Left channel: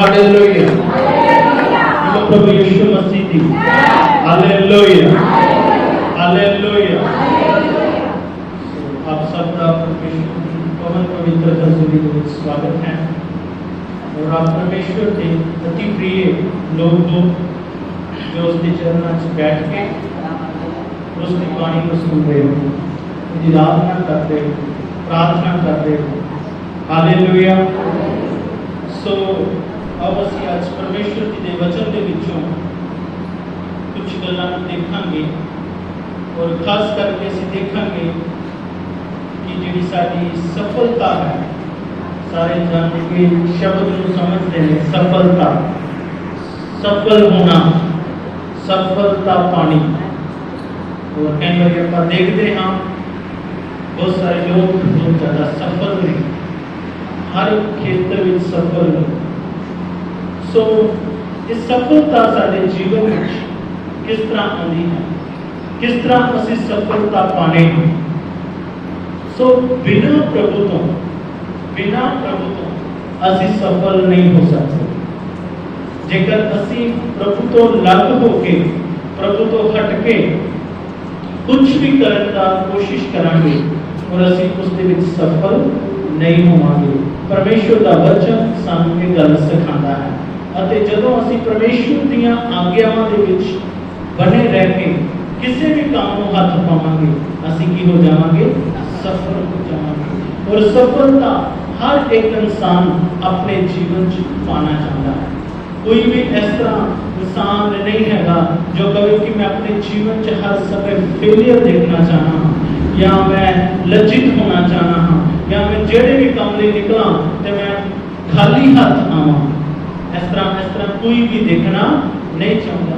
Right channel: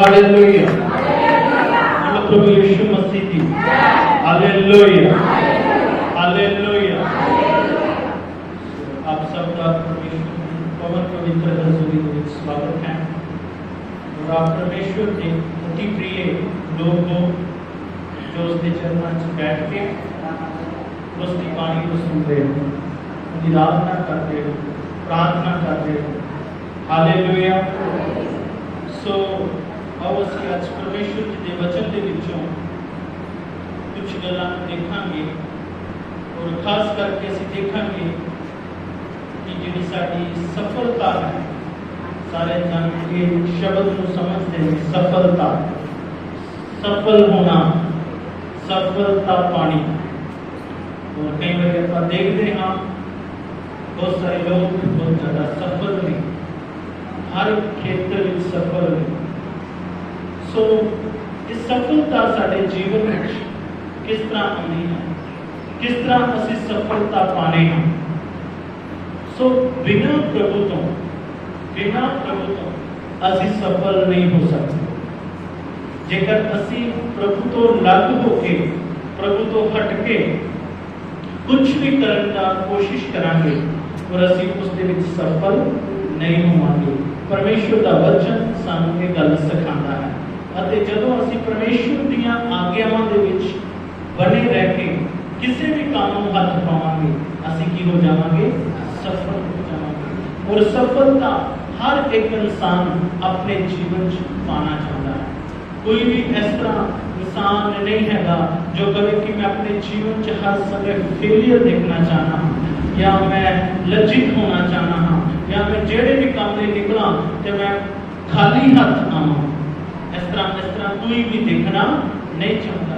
Hallelujah. प्रभु यीशु मसीह की hallelujah hallelujah. आप सबका पवन पवित्र हजूरी में स्वागत है और आप परमेश्वर के अति प्रिय लोग हो जो उसके चरणों में बैठ के उसकी वाणी को सुन रहे हो, उसकी आराधना कर रहे हो, प्रार्थना कर रहे हो। हालेलुया। सो आओ ਅਸੀਂ ਅੱਜ ਪਰਮੇਸ਼ਰ ਜੀ ਦੇ ਵਚਨ ਦੇ ਵਿੱਚੋਂ ਕੁਝ ਗੱਲਾਂ ਨੂੰ ਦੇਖਾਂਗੇ ਔਰ ਖਾਸ ਕਰਕੇ ਅਸੀਂ ਦੇਖਾਂਗੇ ਕਿ ਜਿਹੜੀ ਸਾਡੀ ਸਫਲਤਾ ਹੈ, ਸਾਰੇ ਜਾਣਦੇ ਸ਼ਬਦ ਨੂੰ ਸਮਝਦੇ ਨੇ, ਸਫਲਤਾ, ਸਫਲ ਹੋਣਾ, ਸਫਲਤਾ ਪਾਣੀ। और कई बार आप देखते हैं बहुत सारे लोग बहुत ज़्यादा सफल हैं, हर क्षेत्र में सफल हैं। सो इस सफलता साडे जीवन में किस तरह आनी है, किस तरह असी सफलता पाने हैं। सो बिना प्रभु तो असी सफल नहीं हो सकते। जेकर असी प्रभु तो लग होके, प्रभु तो हट के कुछ भी करने का कोशिश करांगे और असी उसके विच सफल नहीं होवांगे। परमेश्वर का वचन सानू ये गल सिखांदा है अते जदों असी परमेश्वर दीयां आग्यावां दे विच बने रह के किसी भी काम नूं हथ पावांगे, असी की हो जावांगे, सफल हो जावांगे। और सफलता हर एक इंसान अपने जीवन च पाना चाहता है। कोई भी इस तरह इंसान नहीं हैगा जो कहे कि मैं अपने जीवन च हर समय फेलियर देखना चाहना हाँ, या मैं लज्जित होना चाहना हाँ, या मैं जेड़े भी काम ले निकला तो मैं खाली हाथ आवां। इस तरह कोई भी देखना नहीं चाहता।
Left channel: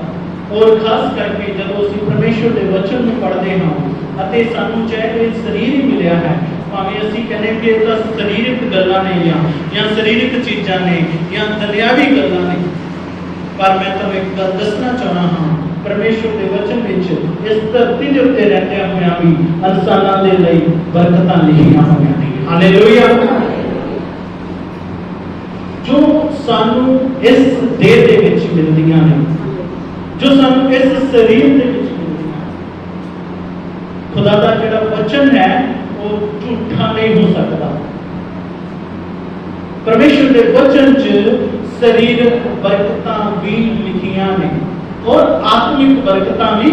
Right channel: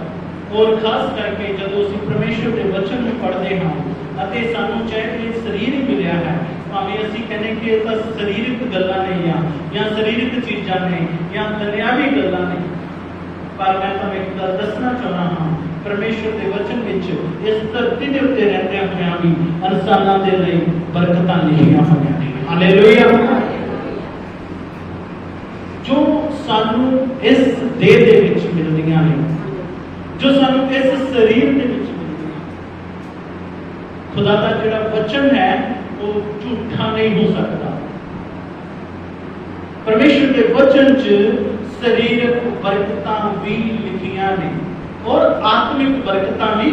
और खास करके जब असीं परमेश्वर के वचन को पढ़ते हाँ अते सानू चाहे शरीर ही मिलिया है, भावें असीं कहने कि ये शरीरक गल्लां ने या शरीरक चीज़ां ने या दुनियावी गल्लां ने, पर मैं तुहानूं एक गल दसना चाहना हाँ, परमेश्वर के वचन विच इस धरती के उत्ते रहंदे होइआं भी इंसानां दे लई बरकतां लिखियां होइआं ने। हालेलुया। जो सानू इस देह दे विच मिलदियां ने, जो सानू इस शरीर दे विच मिलदियां, खुदा दा जिहड़ा वचन है वो झूठा नहीं हो सकता। परमेश्वर के वचन च शरीरक बरकतां भी लिखियां ने और आत्मिक बरकतां भी,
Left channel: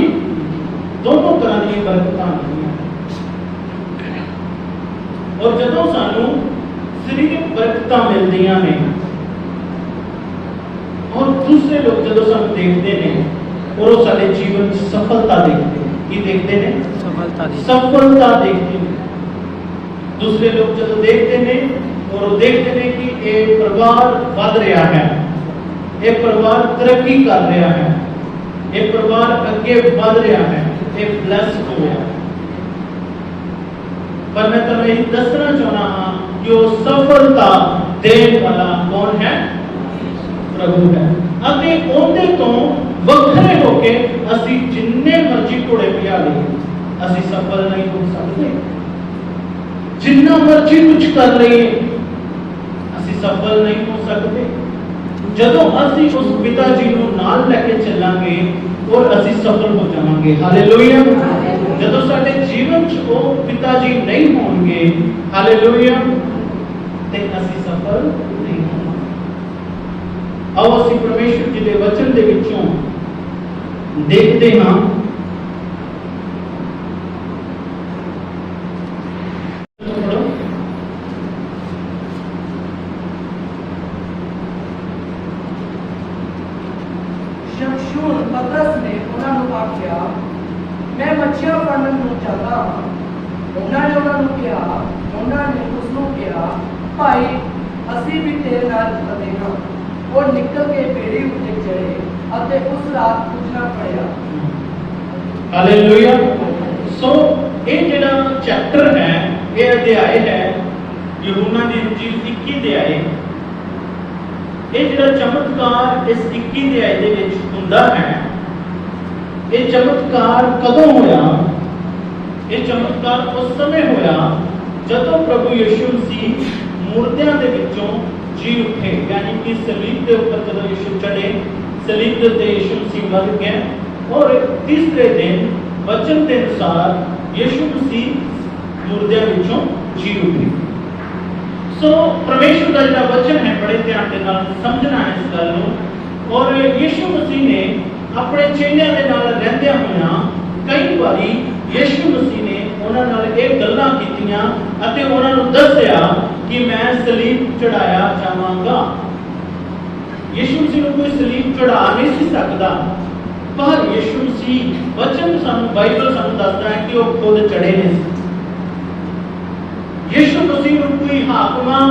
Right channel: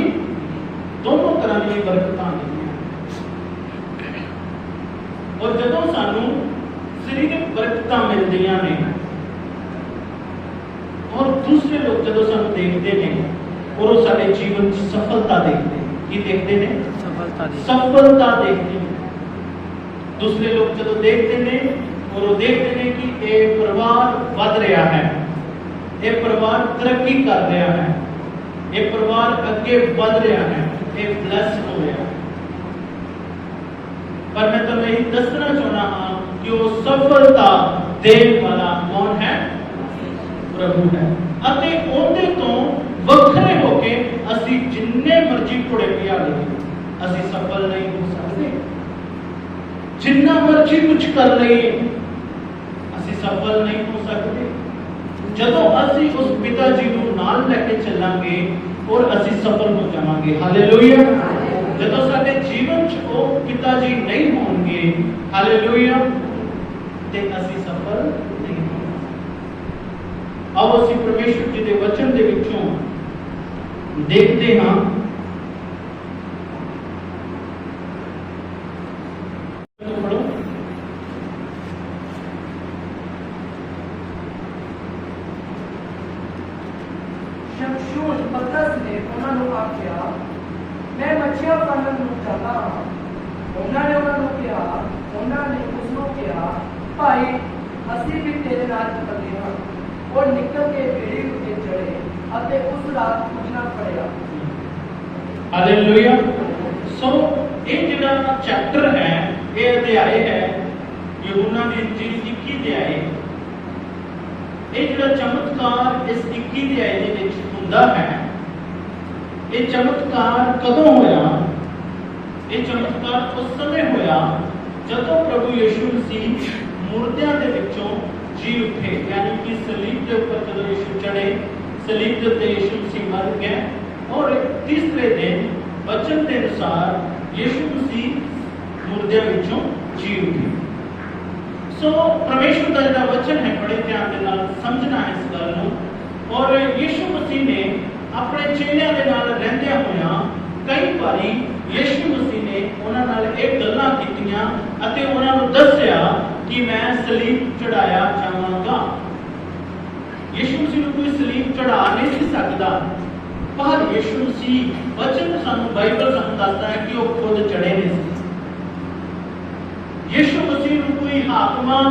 दोनों तरह की बरकतां लिखियां। और जदों सानू शरीरक बरकतां मिलदियां ने और दूसरे लोग जदों सानू देखते हैं और वो साडे जीवन च सफलता देखते हैं, की देखते हैं, सफलता देखते हैं। दूसरे लोग जदों देखते हैं और वो देखते हैं कि ये परिवार बढ़ रहा है, ये परिवार तरक्की कर रहा है, ये परिवार आगे बढ़ रहा है, ये ब्लेस हो गया। पर मैं तुम्हें यही दसना चाहना हाँ कि वो सफलता देने वाला कौन है? प्रभु है। अते उनके तो वखरे होके असी जिन्ने मर्जी घोड़े पिया ले असी सफल नहीं हो सकते। जिन्ना मर्जी कुछ कर रहे असी सफल नहीं हो सकते। जदों असी उस पिता जी को नाल लेके चलांगे और असी सफल हो जावांगे। हालेलुया। जदों साडे जीवन च वो पिता जी नहीं होंगे, हालेलुया, ते असी सफल नहीं होवांगे। आओ असी परमेश्वर जी के वचन दे विचों देखते हां और निकल के बेड़ी उठे चढ़े अते उस रात कुछ ना पड़ेगा। हालेलुया। सो ये जिहड़ा चैप्टर है, ये अध्याय है यूहन्ना दी इंजील 21 अध्याय। ये जिहड़ा चमत्कार इस 21 अध्याय दे विच हुंदा है, ये चमत्कार कदों होया? ये चमत्कार उस समय होया जदों प्रभु यीशु मसीह मुर्दियां दे विचों जी उठे, यानी कि सलीब के ऊपर जब यीशु चढ़े, सलीब के उत्ते यीशु मसीह मर गए और तीसरे दिन वचन के अनुसार यीशु मसीह मुर्दे विचों जी उठे। सो परमेश्वर का जो वचन है बड़े ध्यान के नाल समझना है इस गल नूं। और यीशु मसीह ने अपने चेलियां दे नाल रहंदे होया कई बारी यीशु मसीह ने उन्हां नाल एक गल्लां कीतियां अते उन्हां नूं दस्सिया कि मैं सलीब चढ़ाया जावांगा। यीशु मसीह नूं कोई सलीब चढ़ा नहीं सी सकदा, पर यीशु मसीह वचन सानू बाइबल सानू दसदा है कि वो खुद चढ़े ने। यीशु मसीह नूं कोई हाकमां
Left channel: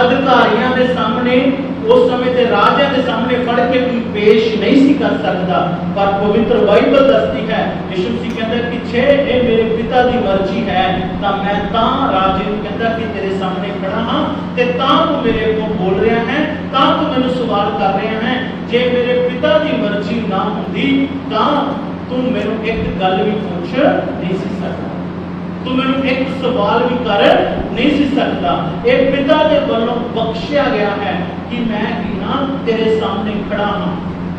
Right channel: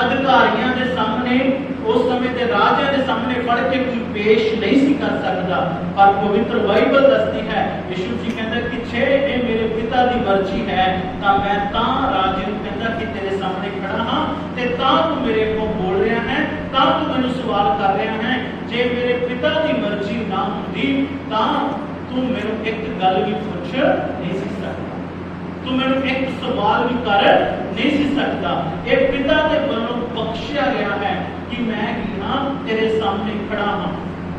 अधिकारियों के सामने उस समय के राजा के सामने फड़ के कोई पेश नहीं सी कर सकता, पर पवित्र बाइबल दसती है यीशु मसीह कहता कि छे ये मेरे पिता की मर्जी है तो मैं तां राजे नूं कहता कि तेरे सामने खड़ा हां ते तां तू मेरे को बोल रहा है, तां तू मैनूं सवाल कर रहा है। जे मेरे पिता की मर्जी ना होंदी तां तू मैनूं एक गल भी पूछ नहीं सी सकता, तू मैनूं एक सवाल भी कर नहीं सी सकता। ये पिता के वल्लों बख्शिया गया है कि मैं की हां तेरे सामने खड़ा हां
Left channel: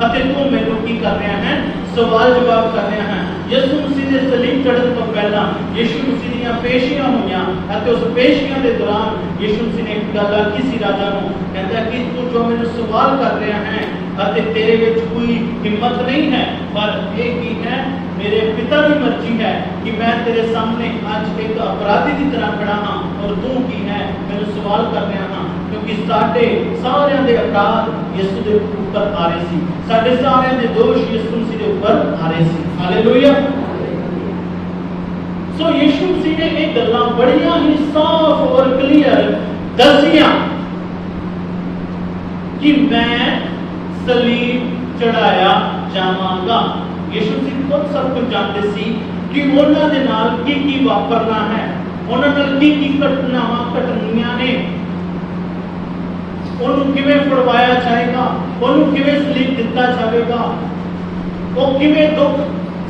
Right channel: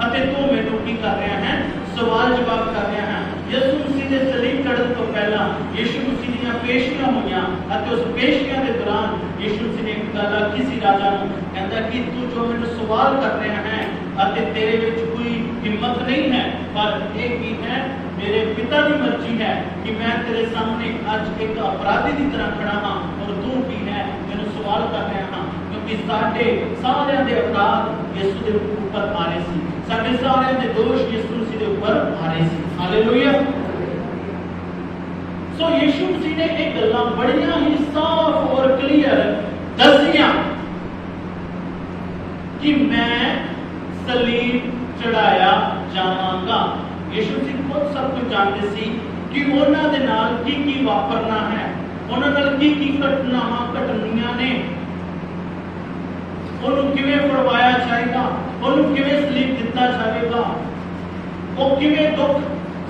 अते तू मैनूं की कर रहा है, सवाल जवाब कर रहा है। यीशु मसीह के सलीब चढ़न तो पहला यीशु मसीह दी पेशियां होईयां अते उस पेशियां के दौरान यीशु मसीह ने एक गल आखी सी राजा नूं, कहंदा कि तू जो मैनूं सवाल कर रहा है अते तेरे विच कोई हिम्मत नहीं है, पर ये की है मेरे पिता की मर्जी है कि मैं तेरे सामने आज एक अपराधी की तरह खड़ा हाँ और तू की है मैंने सवाल कर रहा हाँ, क्योंकि साडे सारे दे अपराध यीशु के ऊपर आ रहे सी, साडे सारे दे दोष यीशु मसीह के ऊपर आ रहे सी। हालेलुया। सो यीशु मसीह ने एक गल्लां बड़ियां ही साफ और क्लियर दसियां कि मैं सलीब चढ़ाया जावांगा। यीशु मसीह खुद सब कुछ जानते सी कि उन्हां दे नाल की वापरना है, उन्हां नाल की घटनावां घटनियां ने, उन्होंने किवें फड़वाया जाएगा, उन्होंने किवें सलीब दिता जाएगा, वो किवें दुख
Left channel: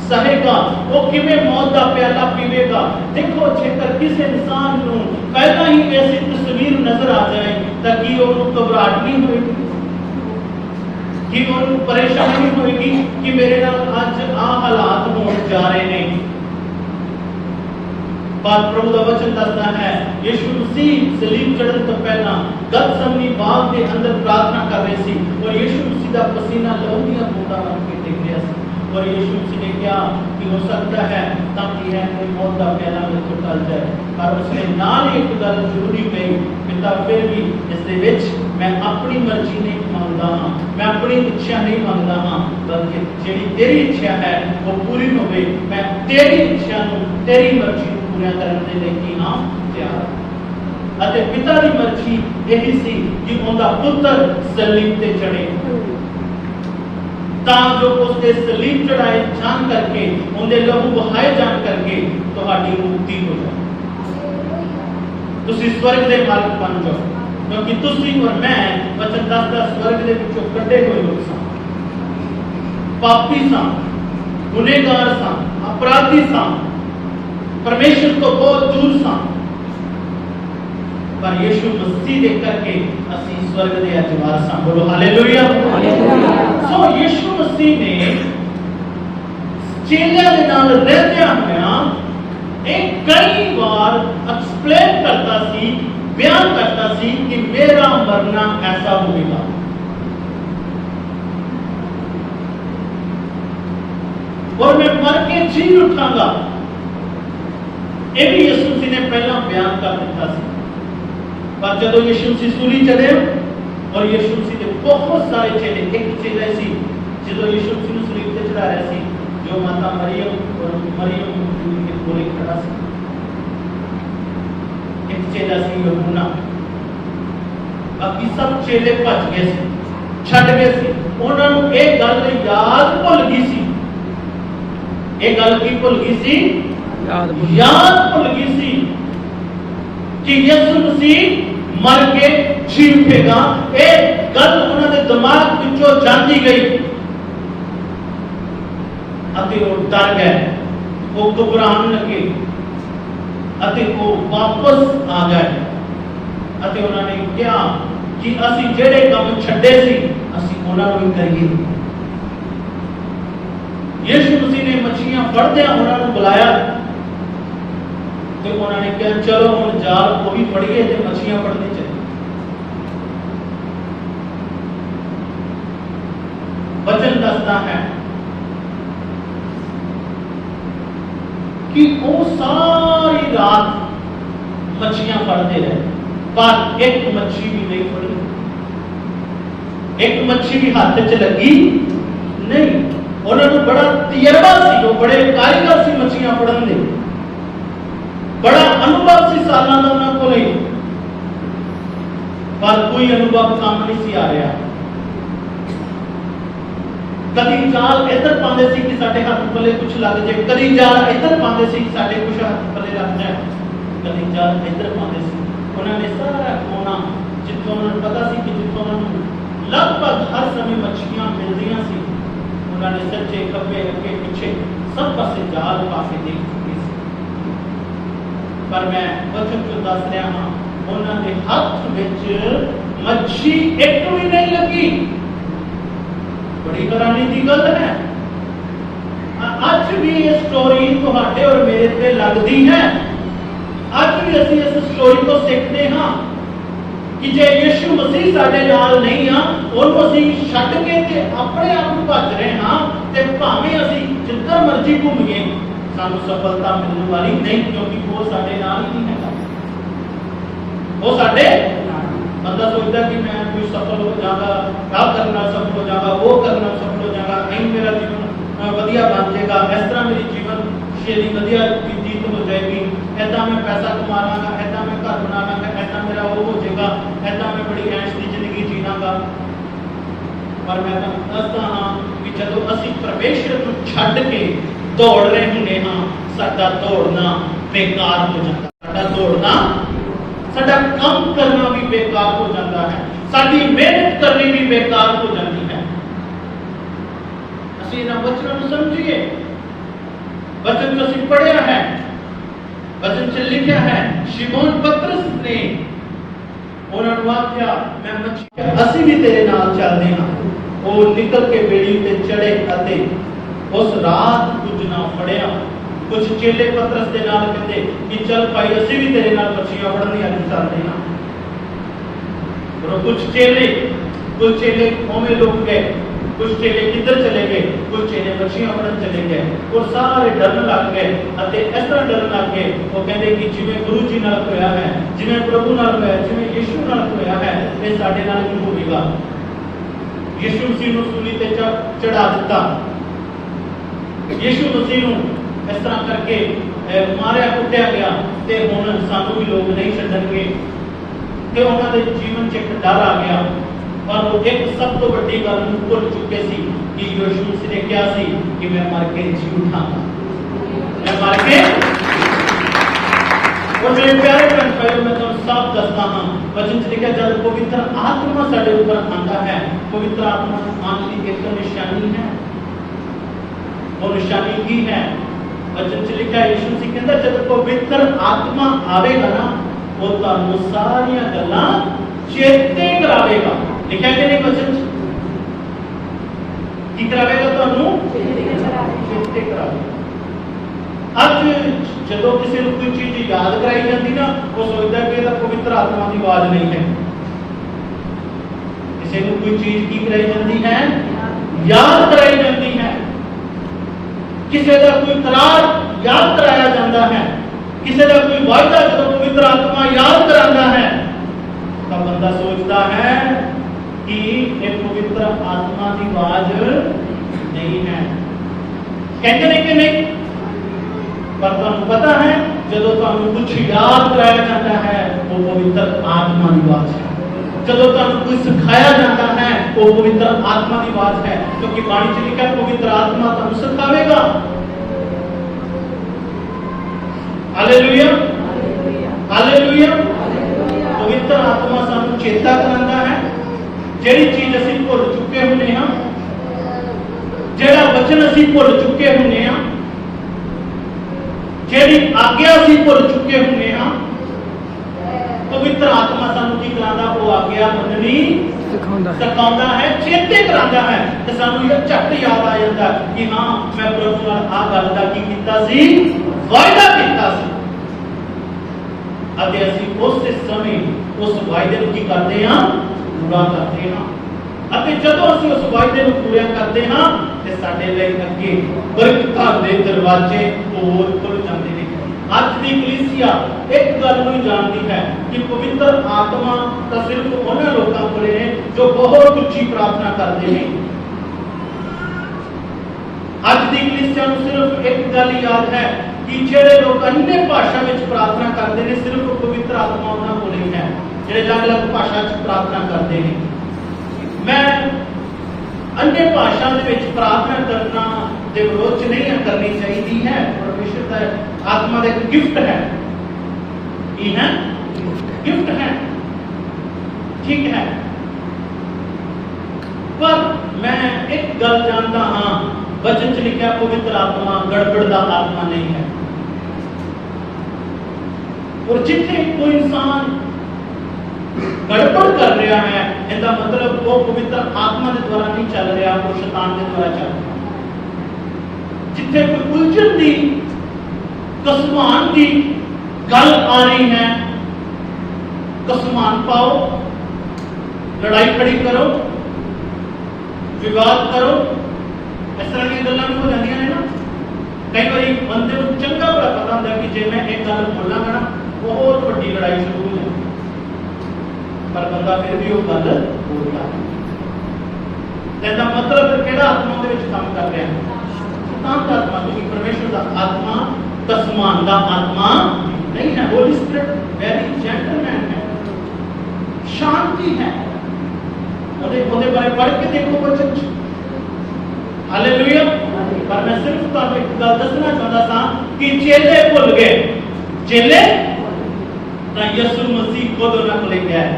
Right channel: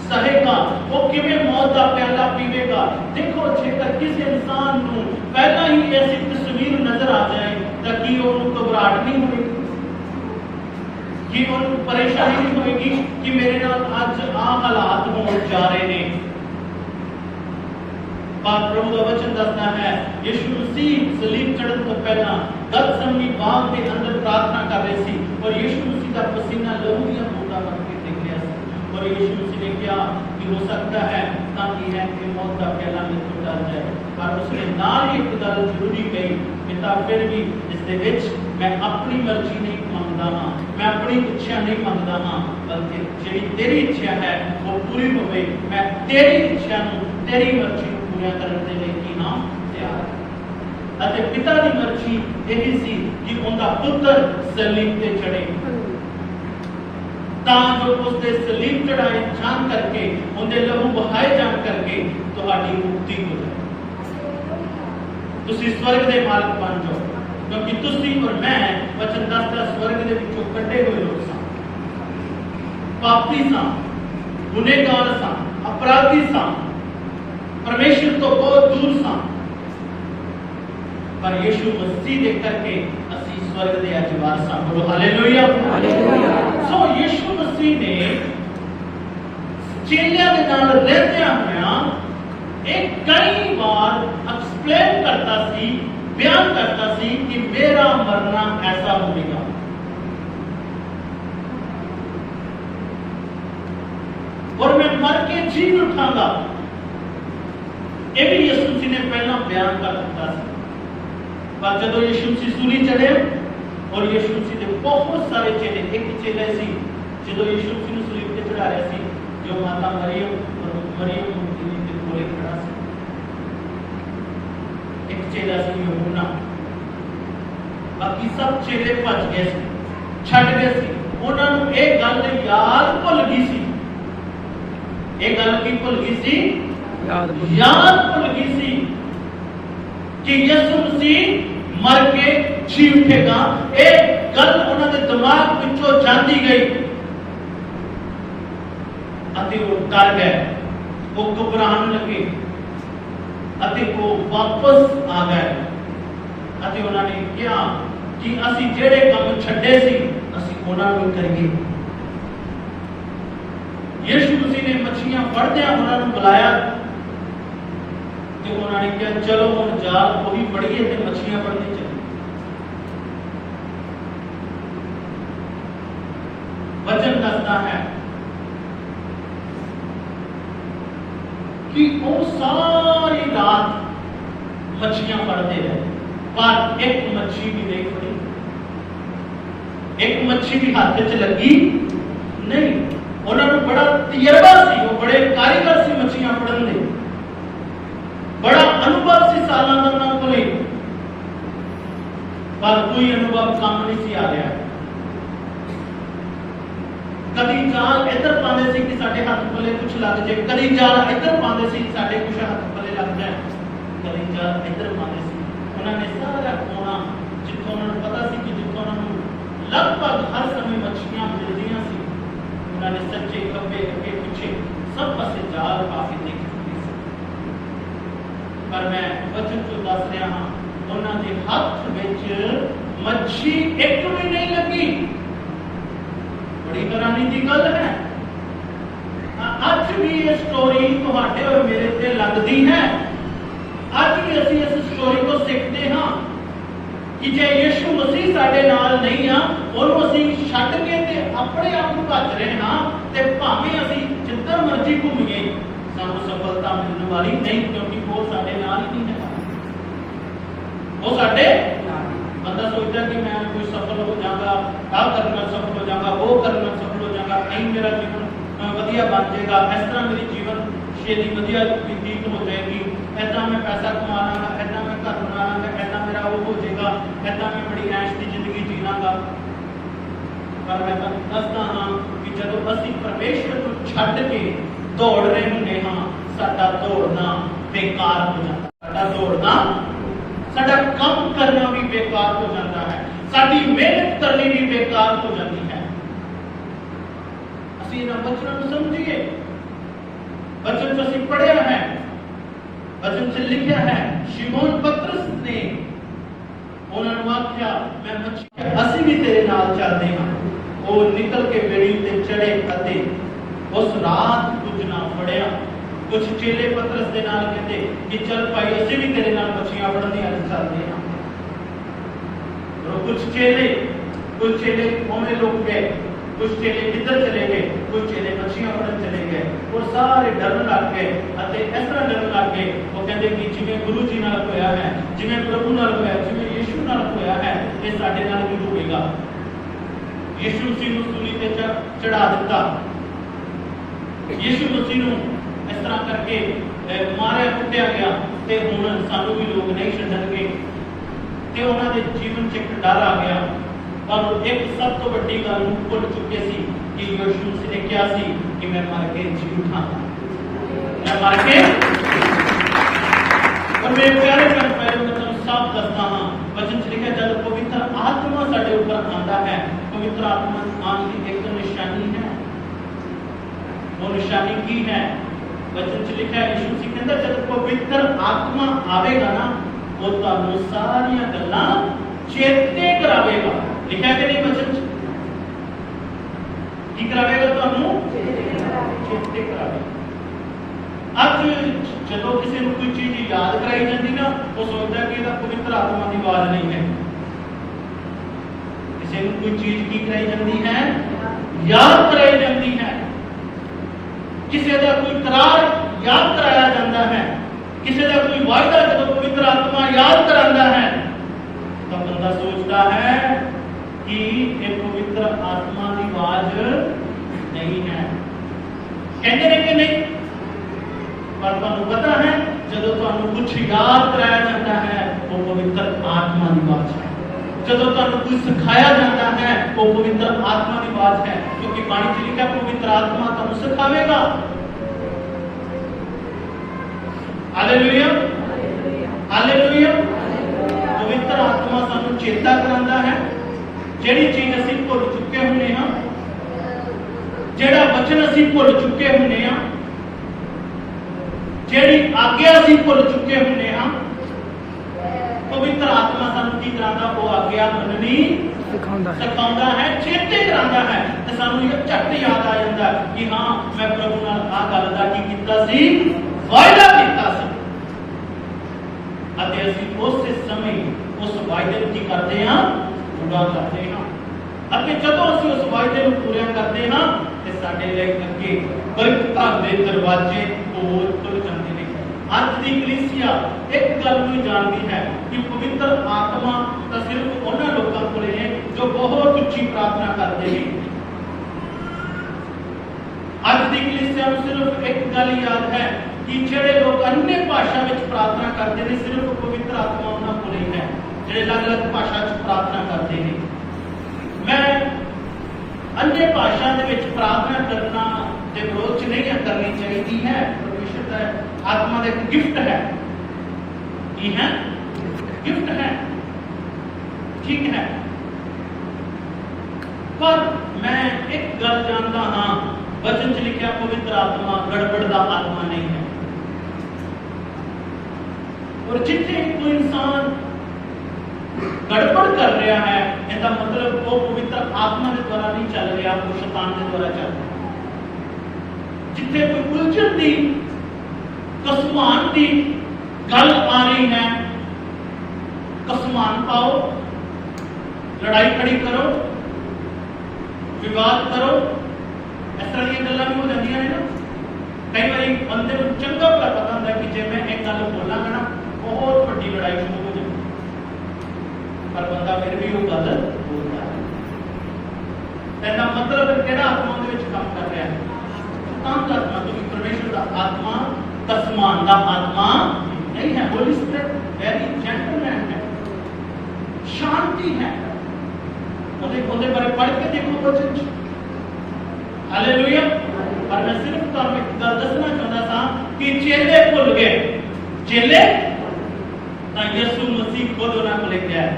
सहेगा, वो किवें मौत का प्याला पीवेगा। देखो जेकर किसी इंसान नूं पहला ही ऐसी तस्वीर नजर आ जाए ताकि उन्होंने घबराहट नहीं होगी, कि उन्होंने परेशानी नहीं होगी कि मेरे नाल आज आ हालात होने जा रहे हैं। पर प्रभु का वचन दसता है यीशु मसीह सलीब चढ़न तो पहला गतसमनी बाग के अंदर प्रार्थना कर रहे सी और यीशु मसीह का पसीना लहू दियां बूंदां बन के गिर गया सी और यीशु मसीह ने क्या कि हो सकता है ताकि है कि मौत का प्याला मेरे को टल जाए, और उसने नाल एक गल जरूरी कही पिता फिर भी इस दे विच मैं अपनी मर्जी नहीं मांगदा हां, मैं अपनी इच्छा नहीं मांगदा हां, बल्कि जेड़ी तेरी इच्छा है वो पूरी होवे। मैं तेरी इच्छा नूं तेरी मर्जी नूं पूरा करन दे लई की हां तैयार। अते पिता की मर्जी यही सी कि उनका पुत्र सलीब ते चढ़े तां जो उसके सलीब चढ़ाए जान करके उनके लहू बहाए जान करके तुम्हारी मुक्ति हो जाए, तुसी स्वर्ग दे मालिक बन जाओ, क्योंकि तुसी और मैं वचन दसदा स्वर्ग दे विचों कड्डे हुए लोग सा, पापी सा, गुनहगार सा, अपराधी सा, परमेश्वर तो बहुत दूर सा, पर यीशु मसीह दे करके असी स्वर्ग दे अधिकार सा। बोलो हालेलुया। हालेलुया। सो यीशु मसीह ने चेलियां दे नाल रहंदियां होया एक कई बार एक्सप्लेन करता सी, बयान करता सी कि मेरा मरना ऐसा होगा, और मैं मर के जी उठांगा। ये भी यीशु मसीह ने पहला बयान कर दिता सी। पर जब यीशु मसीह सूली चढ़े और यीशु मसीह के बहुत सारे चेले, एक चेला सी जो यीशु मसीह ने सूली पे चढ़ाया सी, जो माता मरियम और मरियम के कोले खड़ा सी, एक चेला सी यूहन्ना। बाकी सब चेले भज गए सी, छड़ गए सी, उन्हां नूं एक गल याद भुल गई सी। एक गल की भुल गई सी? याद भुल गई सी कि यीशु मसीह मर के जी उठेगा। एक गल उन्होंने दिमाग विचों जाती गई अते वो डर गए, वो घबराने लगे अते वो वापस आ गए अते उन्होंने क्या कि असी जेड़े काम छड्डे सी असी उन्हां नूं करिए। यीशु मसीह ने मछलियां फड़दियां उन्हां नूं बुलाया ते उन्होंने कहा चलो हुण जाल वो भी फड़िए ते मछलियां फड़ने चले। वचन दसदा है कि वो सारी रात मछलियां फड़ते रहे पर एक मछली भी नहीं फड़ी, एक मछली भी हाथ च लगी नहीं। उन्होंने बड़ा तजर्बा सी, वो बड़े कारीगर सी मछलियां फड़न दे, बड़ा अनुभव सी सालां दा उन्हां कोले, पर कोई अनुभव काम नहीं सी आ रहा। कदी जाल इधर पाते सी कि साडे हाथ पल्ले कुछ लग जाए, कदी जाल इधर पाते सी कि साडे कुछ हाथ पल्ले लग जाए, कदी जाल इधर पाते सी। उन्होंने सारा कोना जिथों उन्होंने पता सी कि जिथों उन्होंने लगभग हर समय मछलियां मिलदियां सी, उन्होंने सच्चे खब्बे अगे पीछे सब पासे जाल पा के देख चुके सी। पर मैं वचन जो दस रहा हाँ, उन्होंने हाथ विच मच्छी एक भी नहीं लगी। बड़ी हैरानी की गल है। आज भी ये स्टोरी तुहाडे और मेरे ते लगदी है। आज भी असीं इस स्टोरी को सीखते हाँ कि जे यीशु मसीह साडे नाल नहीं आ, उहनूं असीं छड्ड के ते अपने आप नूं भज रहे हाँ ते भावें असीं जिधर मर्जी घूमीए सानूं सफलता मिलने वाली नहीं, क्योंकि वो साडे नाल ही नहीं है। वो साडे बंदा सोचता कि मैं कोई सफल हो जाऊंगा, क्या करना सफल हो जाऊंगा, वो करना सफल हो जाऊंगा, नहीं मेरा जीवन वधिया बन जाएगा, इस तरह मेरी जीवन शैली वधिया व्यतीत हो जाएगी, ऐसा मैं पैसा कमा लांगा, ऐसा मैं घर बना लांगा, ऐसा मेरा वो हो जाएगा, ऐसा मैं बड़ी ऐश की जिंदगी जीवांगा। पर मैं तुहानूं दसदा हाँ कि जदों असीं परमेश्वर नूं छड्ड के दौड़ रहे हुंदे हाँ, साडा दौड़ना बेकार हो जाता, साडा दौड़ना, साडा काम करना भी बेकार हो जाता है, साडी मेहनत करनी भी बेकार हो जाती है। असीं इन्हां वचनां नूं समझिए। वचन जो असीं पढ़िया है, वचन च लिखिया है, शिमोन पतरस ने उन्हां नूं आख्या मैं मछली असीं भी तेरे नाल चलदे हां। वो निकल के बेड़ी उत्ते चढ़े अते उस रात कुछ ना फड़िया। कुछ चेले पतरस के नाल कहते कि चल भाई असीं भी तेरे नाल मछलियां फड़न दी अज चलदे हां। और कुछ चेले ओमे लोग गए, कुछ चेले किधर चले गए, कुछ चेले मछलियां फड़न चले गए और सारे डरन लग गए। अते इस तरह डरन लग गए, वो कहते कि जिवें गुरु जी नाल होया है, जिवें प्रभु नाल होया, जिवें यीशु नाल होया है, ते साडे नाल भी होएगा। यीशु मसीह नूं सूली ते चढ़ा दिता, यीशु मसीह नूं इस तरह करके मारिया कुटिया गया ते हुण सानू भी लोग नहीं छड्डणगे ते उन्हां दे जीवन च एक डर आ गया। पर वो एक सब तो बड़ी गल नूं भुल चुके सी कि यीशु मसीह ने कहा सी कि मैं मर के जी उठांगा, मैं मर के। और मेरे प्यारे बहन पहले मैं तुहानूं साफ दसदा हां, वचन च लिखिया जब पवित्र आत्मा साडे ऊपर आंदा है, पवित्र आत्मा आने की एक निशानी है। वो निशानी की है, वचन च लिखा है, यीशु मसीह कहंदा जब पवित्र आत्मा आवेगा ना, वो तुहानूं सारियां गल्लां चेते करावेगा। लिखा है नहीं वचन की करावेगा, तुहानूं चेते करावेगा। आज जदों किसी नूं कोई चीज याद कराई जाती ना, वो सोचदा कि इहदा पवित्र आत्मा की आवाज नहीं है। किसी नूं कोई चीज की कराई जाती है, याद कराई जाती है, किसी का कोई करार याद कराया जाता है, किसी का कोई वायदा जो पवित्र आत्मा याद कराता है, तो बंदा सोचता है कि ये पवित्र आत्मा की आवाज नहीं है। कहते हैं कि नहीं, पर तुहानूं पता है जदों तुहानूं कुछ याद कराया जाता है वो पवित्र आत्मा की आवाज है। जदों तुहानूं कुछ सिखाया जाता है वो पवित्र आत्मा की आवाज है, क्योंकि बाणी च लिखा है पवित्र आत्मा तुहानूं सिखावेगा। Hallelujah, hallelujah. पवित्र आत्मा सानूं चेता करांदा है, ਜਿਹੜੀ चीज असीं भुल चुके हुंदे हां, ਜਿਹੜਾ वचन असीं भुल चुके हुंदे हां, ਜਿਹੜੀ आज्ञा असीं भुल चुके हुंदे हां, पवित्र आत्मा सानू की करांदा वो आज्ञा मननी सिखाउंदा है, चेते करांदा है ते सानू ये झट याद आ जांदा कि हां मैं प्रभु नाल आ गल दा की कीता सी, वायदा कीता सी अते असीं उस समय उस वायदे नूं की करदे हां, पूरा करदे हां। अते जदों असीं उस वायदे नूं पूरा करदे हां ते साडे लई अगे बरकतां दे दरवाजे होर खुल जांदे ने। अज दी कलीसिया एक गल नूं जानदी है कि पवित्र आत्मा तां सिर्फ उन्हां लोकां कोले ने जो बहुत उच्ची प्रार्थना करदे ने। अज दी कलीसिया नूं सिर्फ एक गल याद है कि जेड़े लोग अन्य भाषा विच प्रार्थना करते हैं सिर्फ पवित्र आत्मा उन्हां कोल ही है, जेड़े अलग-अलग भाषा च प्रार्थना करते हैं। मैं अन्य भाषा दे विच प्रार्थना करना दे विरोध च नहीं करनी चाहिए है, परमेश्वर दा आत्मा दा एक गिफ्ट है, की है गिफ्ट है, ठीक है। पर मैं एक गल जानता हाँ, वचन च लिखा पवित्र आत्मा गड़बड़ दा आत्मा नहीं है। और जिथे कोई इंसान गड़बड़ कर रहा है इसका मतलब वो पवित्र आत्मा के द्वारा नहीं चल रहा, वो शैतान के द्वारा चल रहा। जिथे कोई उलझन दी कसमान दी गल आ रही है, कसमान पाओ, लड़ाई खड़ी करो, विवाद करो, इस तरह की गल्लां भी हो जांदियां ने ना। कई बार बंदे को चंगा भला पता होंदा है कि जे मैं एक गल बोलांगा ना बहुत बड़ी लड़ाई शुरू हो जाती, पर बंदा फिर भी वो गल बोलता है। इसका मतलब केड़ा आत्मा दे विच काम कर रहा है? शैतान दा आत्मा, क्योंकि परमेश्वर दा आत्मा कसमान दा आत्मा नहीं है। होली स्पिरिट वेरी जेंटलमैन है, शांति है। ਉਹਦੇ ਬਾਰੇ पढ़ के देखो बच्चों, हालेलुया। पर मैं सिर्फ ਤੁਹਾਨੂੰ एक गल दसना चाहता था कि चेले भुल गए, चेले ਤਾਂ ਯਿਸੂ ਮਸੀਹ खुद ਉਹਨਾਂ ਕੋਲ ਗਿਆ ਹੈ,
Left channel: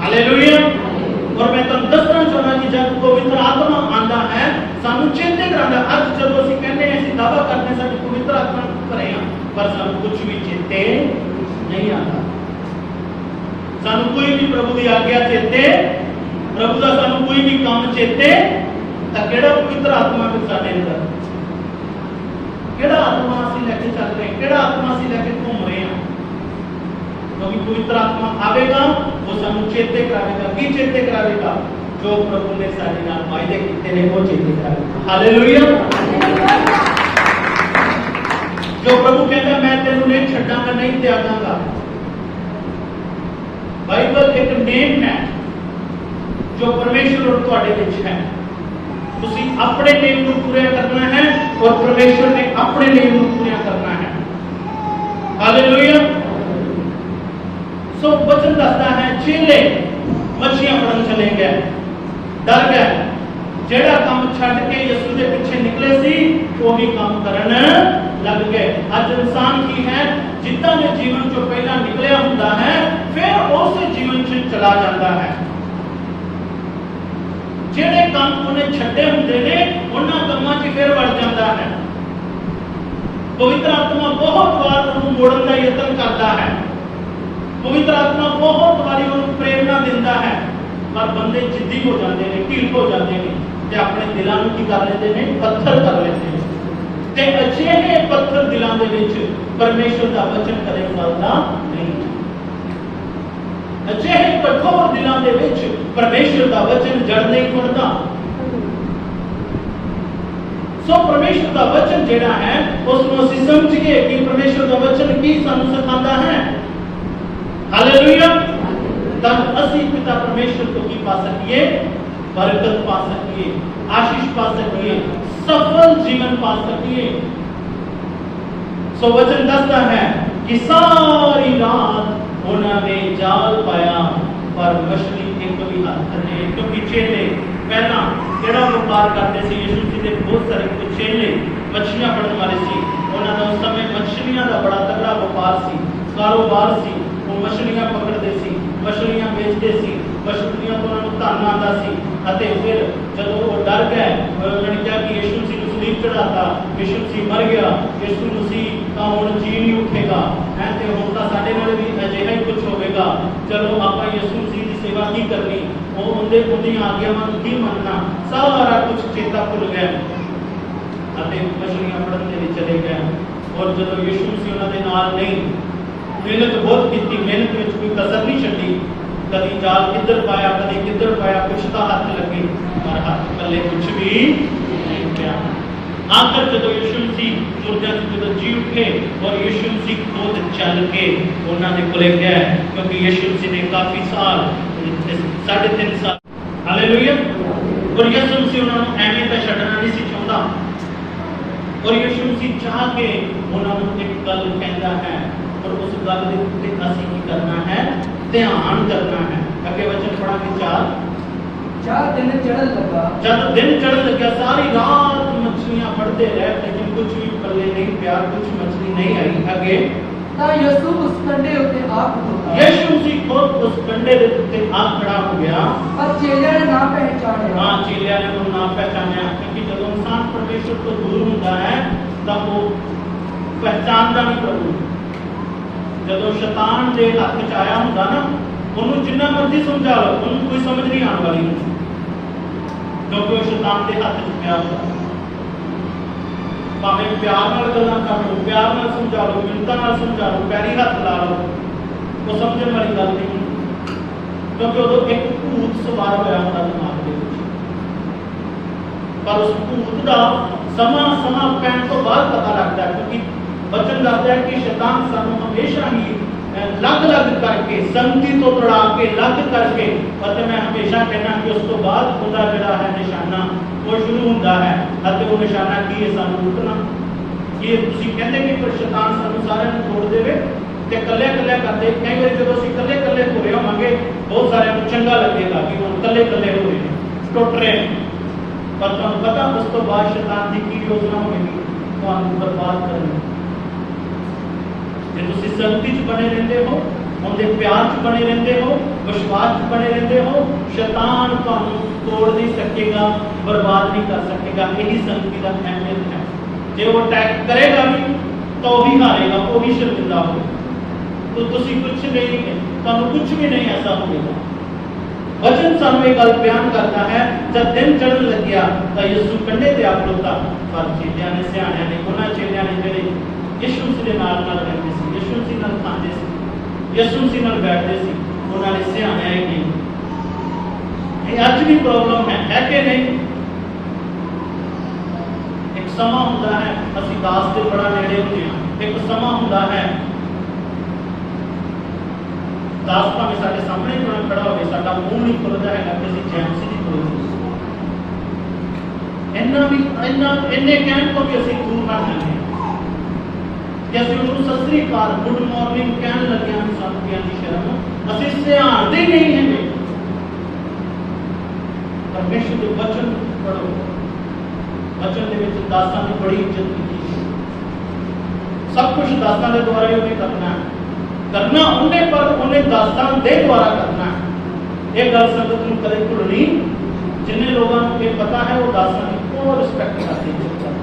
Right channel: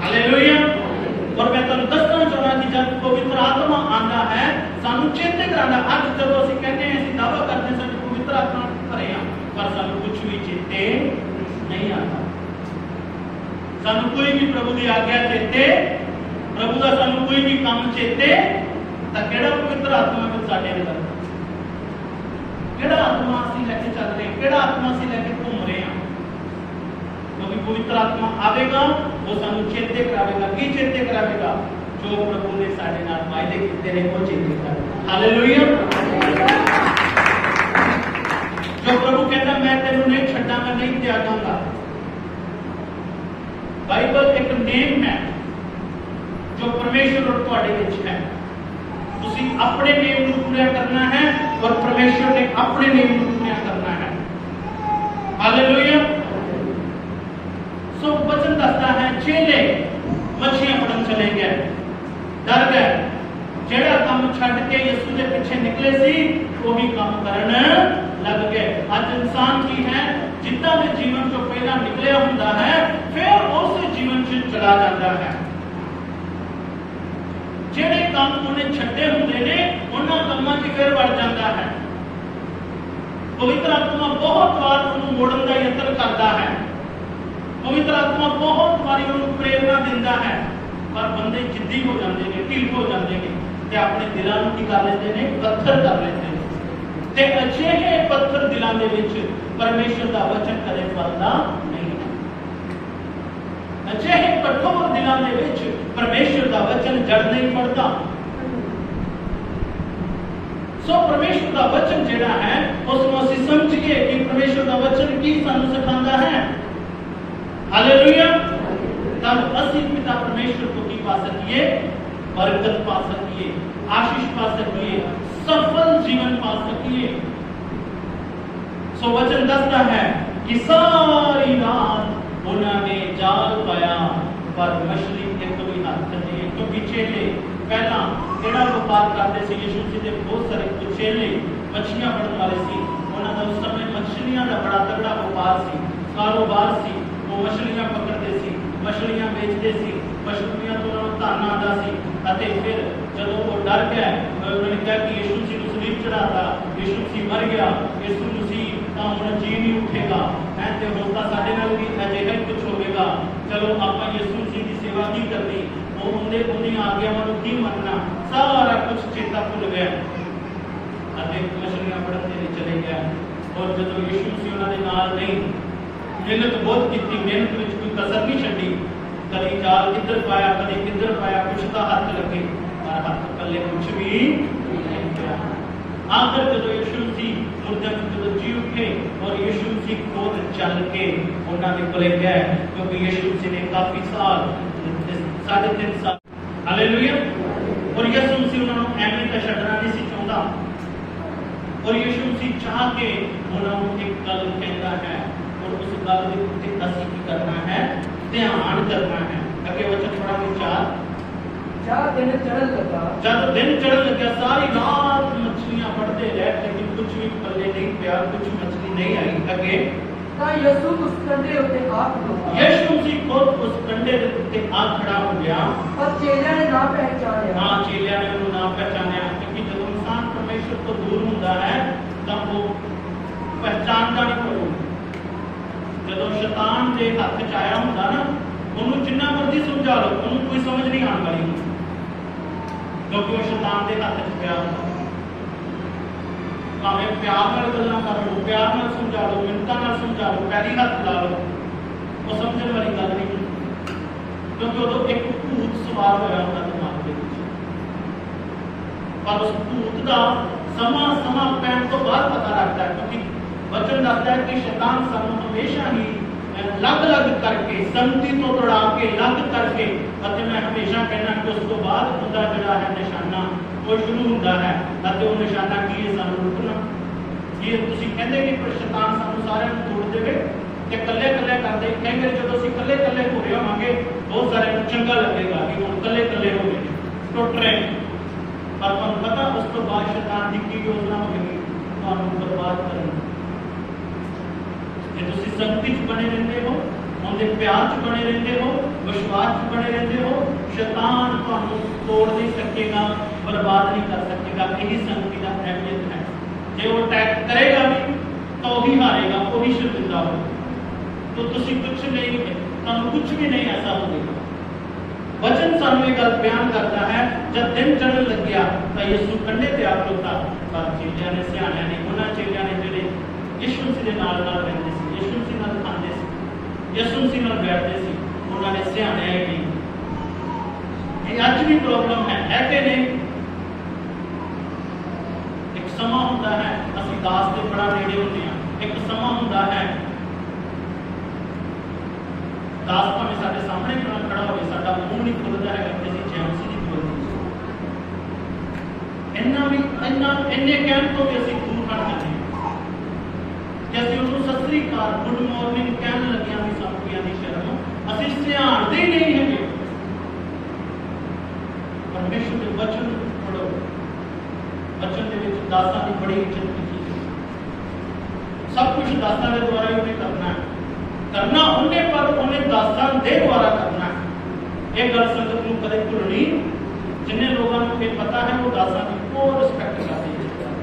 हालेलुया। और मैं ਤੁਹਾਨੂੰ ਦੱਸਣਾ ਚਾਹੁੰਦਾ कि जब पवित्र आत्मा आंदा है ਸਾਨੂੰ ਚੇਤੇ ਕਰਾਂਦਾ। ਅੱਜ ਜਦੋਂ ਅਸੀਂ ਕਹਿੰਦੇ ਹਾਂ, ਅਸੀਂ ਦਾਅਵਾ ਕਰਦੇ ਹਾਂ ਸਾਡੀ पवित्र आत्मा ਭਰੇ ਆ, पर ਸਾਨੂੰ ਕੁਝ ਵੀ ਚੇਤੇ नहीं आता। ਸਾਨੂੰ ਕੋਈ ਵੀ प्रभु ਦੀ आज्ञा चेते, प्रभु ਦਾ ਸਾਨੂੰ ਕੋਈ ਵੀ ਕੰਮ ਚੇਤੇ, ਤਾਂ ਕਿਹੜਾ पवित्र आत्मा ਵਿੱਚ ਸਾਡੇ ਅੰਦਰ, ਕਿਹੜਾ आत्मा ਅਸੀਂ ਲੈ ਕੇ ਚੱਲ ਰਹੇ ਹਾਂ, ਕਿਹੜਾ आत्मा ਅਸੀਂ ਲੈ ਕੇ ਘੁੰਮ ਰਹੇ ਹਾਂ। क्योंकि पवित्र आत्मा आवेगा वो सानू चेते करावेगा, की चेते करावेगा जो प्रभु ने साडे नाल वायदे कीते ने वो चेते करावेगा, हालेलुया। जो प्रभु कहता मैं तेनू नहीं छड्डांगा, नहीं त्यागांगा। बाइबल एक नेम है जो परमेश्वर और तुहाडे विच है। तुसी अपने नेम नू पूरा करना है और परमेश्वर ने अपने नेम नू पूरा करना है, हालेलुया। सो वचन दसदा है चेले मछलियां फड़न चले गए, डर गए, जेड़ा काम छड्ड के यीशु दे पीछे निकले सी वो भी काम करन लग गए। आज इंसान की है जितना ने जीवन जो पहला निकलिया हुंदा है फिर उस जीवन च चला जाता है। जेड़े काम उन्हें छड्डे हुंदे ने उन्हां कामां च फिर वड़ जाता है। पवित्र आत्मा बहुत बार उन्हें मोड़न का यत्न करता है, पवित्र आत्मा बहुत बारी उन्हें प्रेरणा दिंदा है, पर बंदे जिद्दी हो जाते हैं, ढीठ हो जाते हैं ते अपने दिलों की कर लेते हैं, पत्थर कर लेते हैं। ते अजिहे पत्थर दिलों दे विच परमेश्वर दा वचन कदे फलदा नहीं। अजिहे कठोर दिलों दे विच परमेश्वर दा वचन जड़ नहीं पड़ता। सो परमेश्वर दा वचन जेड़ा है उसको असीं समझिए कि परमेश्वर दा वचन की सानू सिखांदा है, हालेलुया। तब असी पिता परमेश्वर को की पा सकिए, बरकत पा सकिए, आशीष पा सकिए, सफल जीवन पा सकिए। सो वचन दसता है कि सारी रात उन्होंने जाल पाया पर मछली एक भी हाथ नहीं। क्योंकि चेले पहला जेड़ा व्यापार करते थे, यीशु जी के बहुत सारे चेले मछलियां फड़न वाले सी, उन्होंने उस समय मछलियां का बड़ा तगड़ा व्यापार सी, कारोबार सी। मछलियां पकड़ते सी, मछलियां बेचते सी, मछलियां तो उन्होंने धन आता सी। अते फिर जब वो डर गए, उन्होंने कहा कि यीशु मसीह को सलीब चढ़ाता, यीशु मसीह मर गया, यीशु मसीह का हुण जी नहीं उठेगा है, ते हुण तां साडे नाल भी अजिहा ही कुछ होवेगा। चलो आपां यीशु मसीह की सेवा की करनी, वो उनके उन्हें आज्ञावां नूं की मनना, सारा कुछ चेता भुल गया अते मछलियां फड़न दे विच चले गए। और जदों यीशु मसीह उन्हां दे नाल नहीं, मेहनत बहुत की, मेहनत में कोई कसर नहीं छड्डी, कभी जाल किधर पाया कभी किधर पाया, कुछ तो हाथ लगे पर हाथ पल्ले कुछ भी नहीं गया। आखिर जदों यीशु मसीह मुर्दे जदों जी उठे और यीशु मसीह खुद चल के उन्होंने कोले गया, क्योंकि यीशु मसीह ने काफी साल 3.5 साल हालेलुया, और यीशु मसीह उन्होंने एवें तो छड्डना नहीं सी चाहता। और यीशु मसीह चाह के उन्होंने एक गल कहता है, और उस गल के उत्ते असीं की करना है, ध्यान करना है। अगे वचन पढ़ा कि 4 दिन चढ़न लगा, जब दिन चढ़न लगा, सारी रात मछलियां पड़ते रहे, लेकिन कुछ भी पल्ले नहीं गया, कुछ मछली नहीं आई। आगे ता यीशु उस कंडे उत्ते आ खड़ोता, यीशु मसीह खुद उस कंडे दे उत्ते आ खड़ा हो गया। पर चेलियां ने ना पहचानिया। हाँ, चेलियां ने उन्हें ना पहचानिया, क्योंकि जब इंसान परमेश्वर तो दूर होता है तब वो पहचानता नहीं कोई। जब शैतान के हाथ च आया होंदा ना, उन्होंने जिन्ना मर्जी समझा लो, उन्होंने कोई समझ नहीं आने वाली, क्योंकि वो शैतान के हाथ च पिया होंदा। भावें प्यार नाल गल्लां कर लो, प्यार नाल समझा लो, मिन्नतां नाल समझा लो, पैरी हथ ला लो, वो समझने वाली गल नहीं, क्योंकि उदों एक भूत सवार होया होंदा दिमाग दे विच। पर उस भूत का समा पैण तो बाद पता लगता है, क्योंकि वचन दसदा है कि शैतान सानू हमेशा ही लग करके, संगति तो तोड़ा के, लग करके, और मैं हमेशा कहना कि उस तो बाद उनका जिहड़ा है निशाना वो शुरू होता है। और वो निशाना की है, सानू रुकना। ये तुसीं कहंदे कि पर शैतान सानू सारिਆਂ ਨੂੰ तोड़ देवे ते कल्ले कल्ले कर दे। कई बार जब ਅਸੀਂ कल्ले कल्ले हो रहे होवांगे, बहुत सारे को चंगा लगेगा कि हुण कल्ले कल्ले हो रहे हैं, टुट रहे हैं, पर तुहानू पता उस तो बाद शैतान की की योजना होगी तुहानू बर्बाद करनी। जे तुसीं संगति च बने रहंदे हो, उनके प्यार च बने रहंदे हो, विश्वास च बने रहंदे हो, शैतान तुहानू तोड़ नहीं सकेगा, बर्बाद नहीं कर सकेगा। यही संगति का अहमियत है। जे वो अटैक करेगा भी तो भी हारेगा, वो भी शर्मिंदा होगा। तो तुसीं कुछ नहीं, तुहानू कुछ भी नहीं ऐसा होगा। वचन सानू एक गल बयान करता है, जब दिन चढ़न लग्या तो यीशु कंडे ते आ खड़ोता, पर चेलियां ने, सियाणियां ने, उन्हां चेलियां ने जिहड़े यीशु मसीह दे नाल रहंदे सी, यीशु मसीह नाल खांदे सी, यीशु मसीह नाल बैठदे सी, उन्हां ने सियाणियां ही नहीं। ये अज भी प्रॉब्लम है कि नहीं? एक समा हुंदा है असीं दास दे बड़ा नेड़े हुंदे हां, एक समा हुंदा है दास भावें साडे सामने क्यों खड़ा होवे, साडा मूंह नहीं खुलदा है कि असीं जैमसी नहीं बोलदे। इन्ने कहण तो भी असीं दूर हट जांदे हां कि असीं उहनूं सत श्री अकाल, गुड मॉर्निंग कहण लग्गिआं भी सानूं की आंदी शर्म, असीं सियाणदे ही नहीं हैगे। परमेश्वर के वचन पढ़ो, वचन के विच दासां की बड़ी इज्जत की, सब कुछ दासां के द्वारा ही उन्हें करना है, करना उन्हें, पर उन्हें दासां के द्वारा करना है। ये गल संगत नूं कदे भुलनी, जिन्हें लोगों को ये पता है वो दासां की बहुत रिस्पेक्ट करते हैं,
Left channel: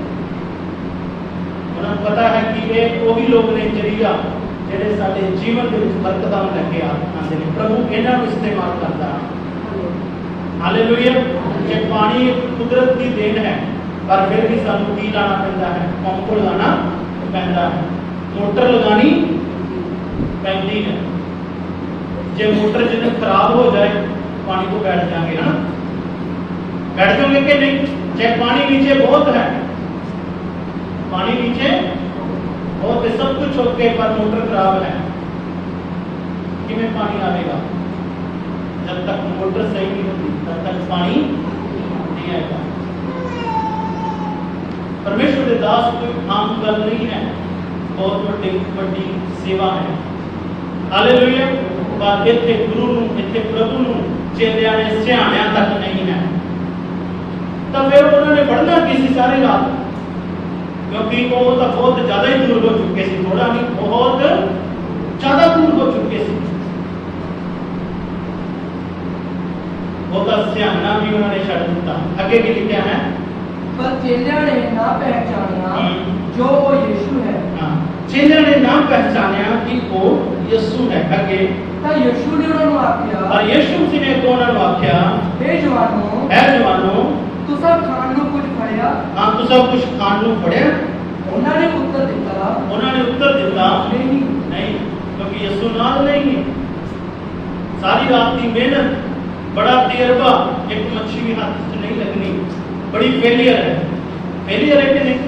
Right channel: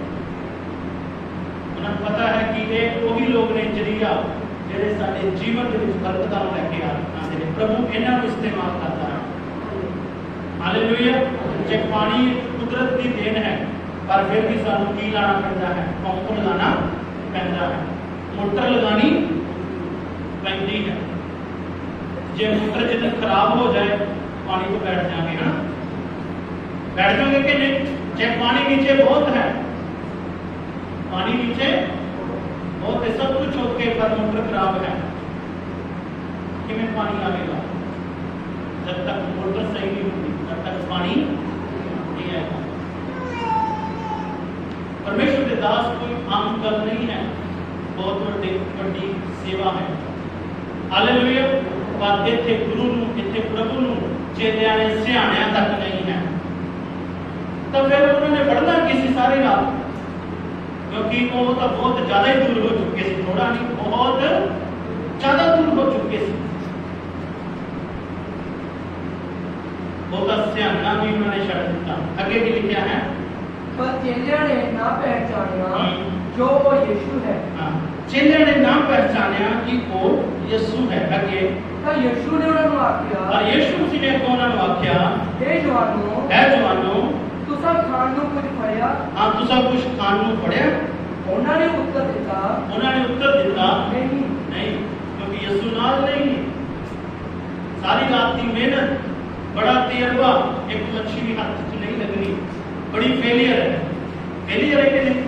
उन्हें पता है कि ये वही लोग ने जरिया जिहड़े साडे जीवन के विच बरकतां लैके आते हैं। प्रभु इन्हां नूं इस्तेमाल करता है। हालेलुया। जे पानी कुदरत की देन है, पर फिर भी सानू की लाना पैंदा है, पंप लगाना पैंदा है, मोटर लगानी पैंदी है। जे मोटर जिस दिन खराब हो जाए पानी को बैठ जाएंगे, है ना, बैठ जाओगे कि नहीं? चाहे पानी नीचे बहुत है, पानी नीचे बहुत है, सब कुछ ओके, पर मोटर खराब है, किमें पानी आएगा? जब तक मोटर सही नहीं होती तब तक पानी नहीं आएगा। परमेश्वर के दास कोई आम गल नहीं है, बहुत बड़ी सेवा है। हालेलुया। पर इत्थे गुरु नूं, इत्थे प्रभु नूं चेलियां ने सियाणियां तक नहीं है, तो फिर उन्होंने बढ़ना किसी सारी रात, क्योंकि वो तो बहुत ज्यादा ही दूर हो चुके थे, थोड़ा नहीं बहुत ज्यादा दूर हो चुके थे। वो तो सियाणा भी उन्होंने छड़ दिता। आगे भी लिखा है, पर चेलियां ने ना पहचानिया जो वो यीशु है। हाँ, चेलिया ने ना पहचानिया कि वो यसू है। अगे ਤਾਂ ਯीशु ਨੇ ਉਹਨਾਂ ਨੂੰ ਆਖਿਆ, और यीशु मसीह ने अगों उन्हां नूं आख्या, हे जवानों, है जवानों, तुसां खाण ਨੂੰ ਕੁਝ ਫੜਿਆ? हाँ तुसां कुछ खाण नूं फड़िया? ਉਹਨਾਂ ਨੇ ਉੱਤਰ ਦਿੱਤਾ, उन्होंने उत्तर दिता, नहीं। नहीं, क्योंकि यसू नाल नहीं है। सारी रात की मेहनत, बड़ा तजर्बा, एक मच्छी भी हाथ से नहीं लगनी, बड़ी फेलियर है। फेलियर है कि नहीं?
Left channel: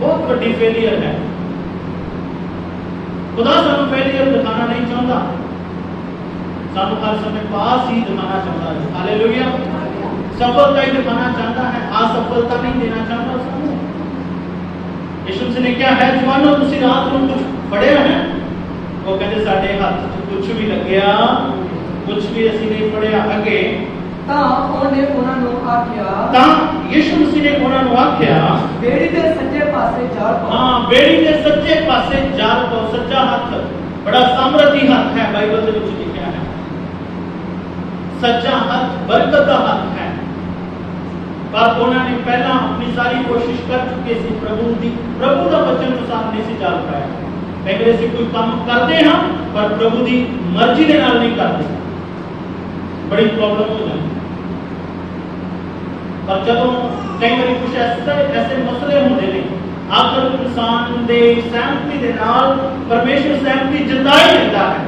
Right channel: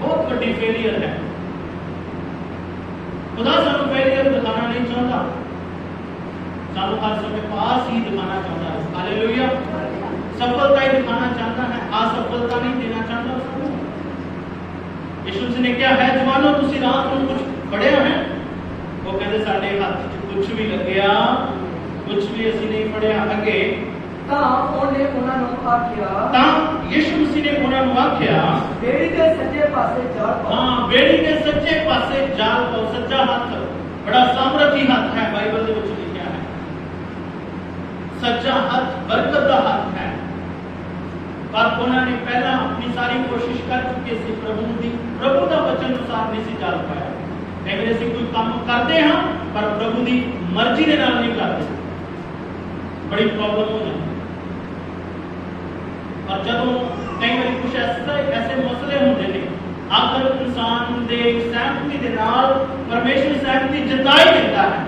बहुत बड़ी फेलियर है। खुदा सानू फेलियर दिखाना नहीं चाहता, सानू हर समय पास ही दिखाना चाहता है। हालेलुया। सफलता ही दिखाना चाहता है, असफलता नहीं देना चाहता सानू। यीशु मसीह ने क्या है, जवानों तुसी रात को कुछ फड़िया है? वो कहते साडे हाथ च कुछ भी लग्या, कुछ भी असी नहीं फड़िया। अगे ਤਾਂ ਉਹਨੇ ਉਹਨਾਂ ਨੂੰ ਆਖਿਆ, ਤਾਂ यीशु मसीह ने उन्हां नूं आख्या, ਬੇੜੀ ਦੇ ਸੱਜੇ ਪਾਸੇ ਜਾਲ ਪਾਓ। हाँ, बेड़ी के सच्चे पासे जाल पाओ। सच्चा हाथ बड़ा सामर्थी हाथ है, बाइबल दे विच लिखिया है। सच्चा हाथ बरकत दा हाथ है। पर उन्होंने पहला अपनी सारी कोशिश कर चुके सी, प्रभु का वचन अनुसार नहीं सी चल पाया। कई बार असीं कोई काम करते हाँ पर प्रभु की मर्जी के नाल नहीं करते, बड़ी प्रॉब्लम हो जाती। और जब कई बार कुछ ऐसे मसले होंगे ने, आखिर इंसान दे सहमति के नाल परमेश्वर सहमति जता ही देता है,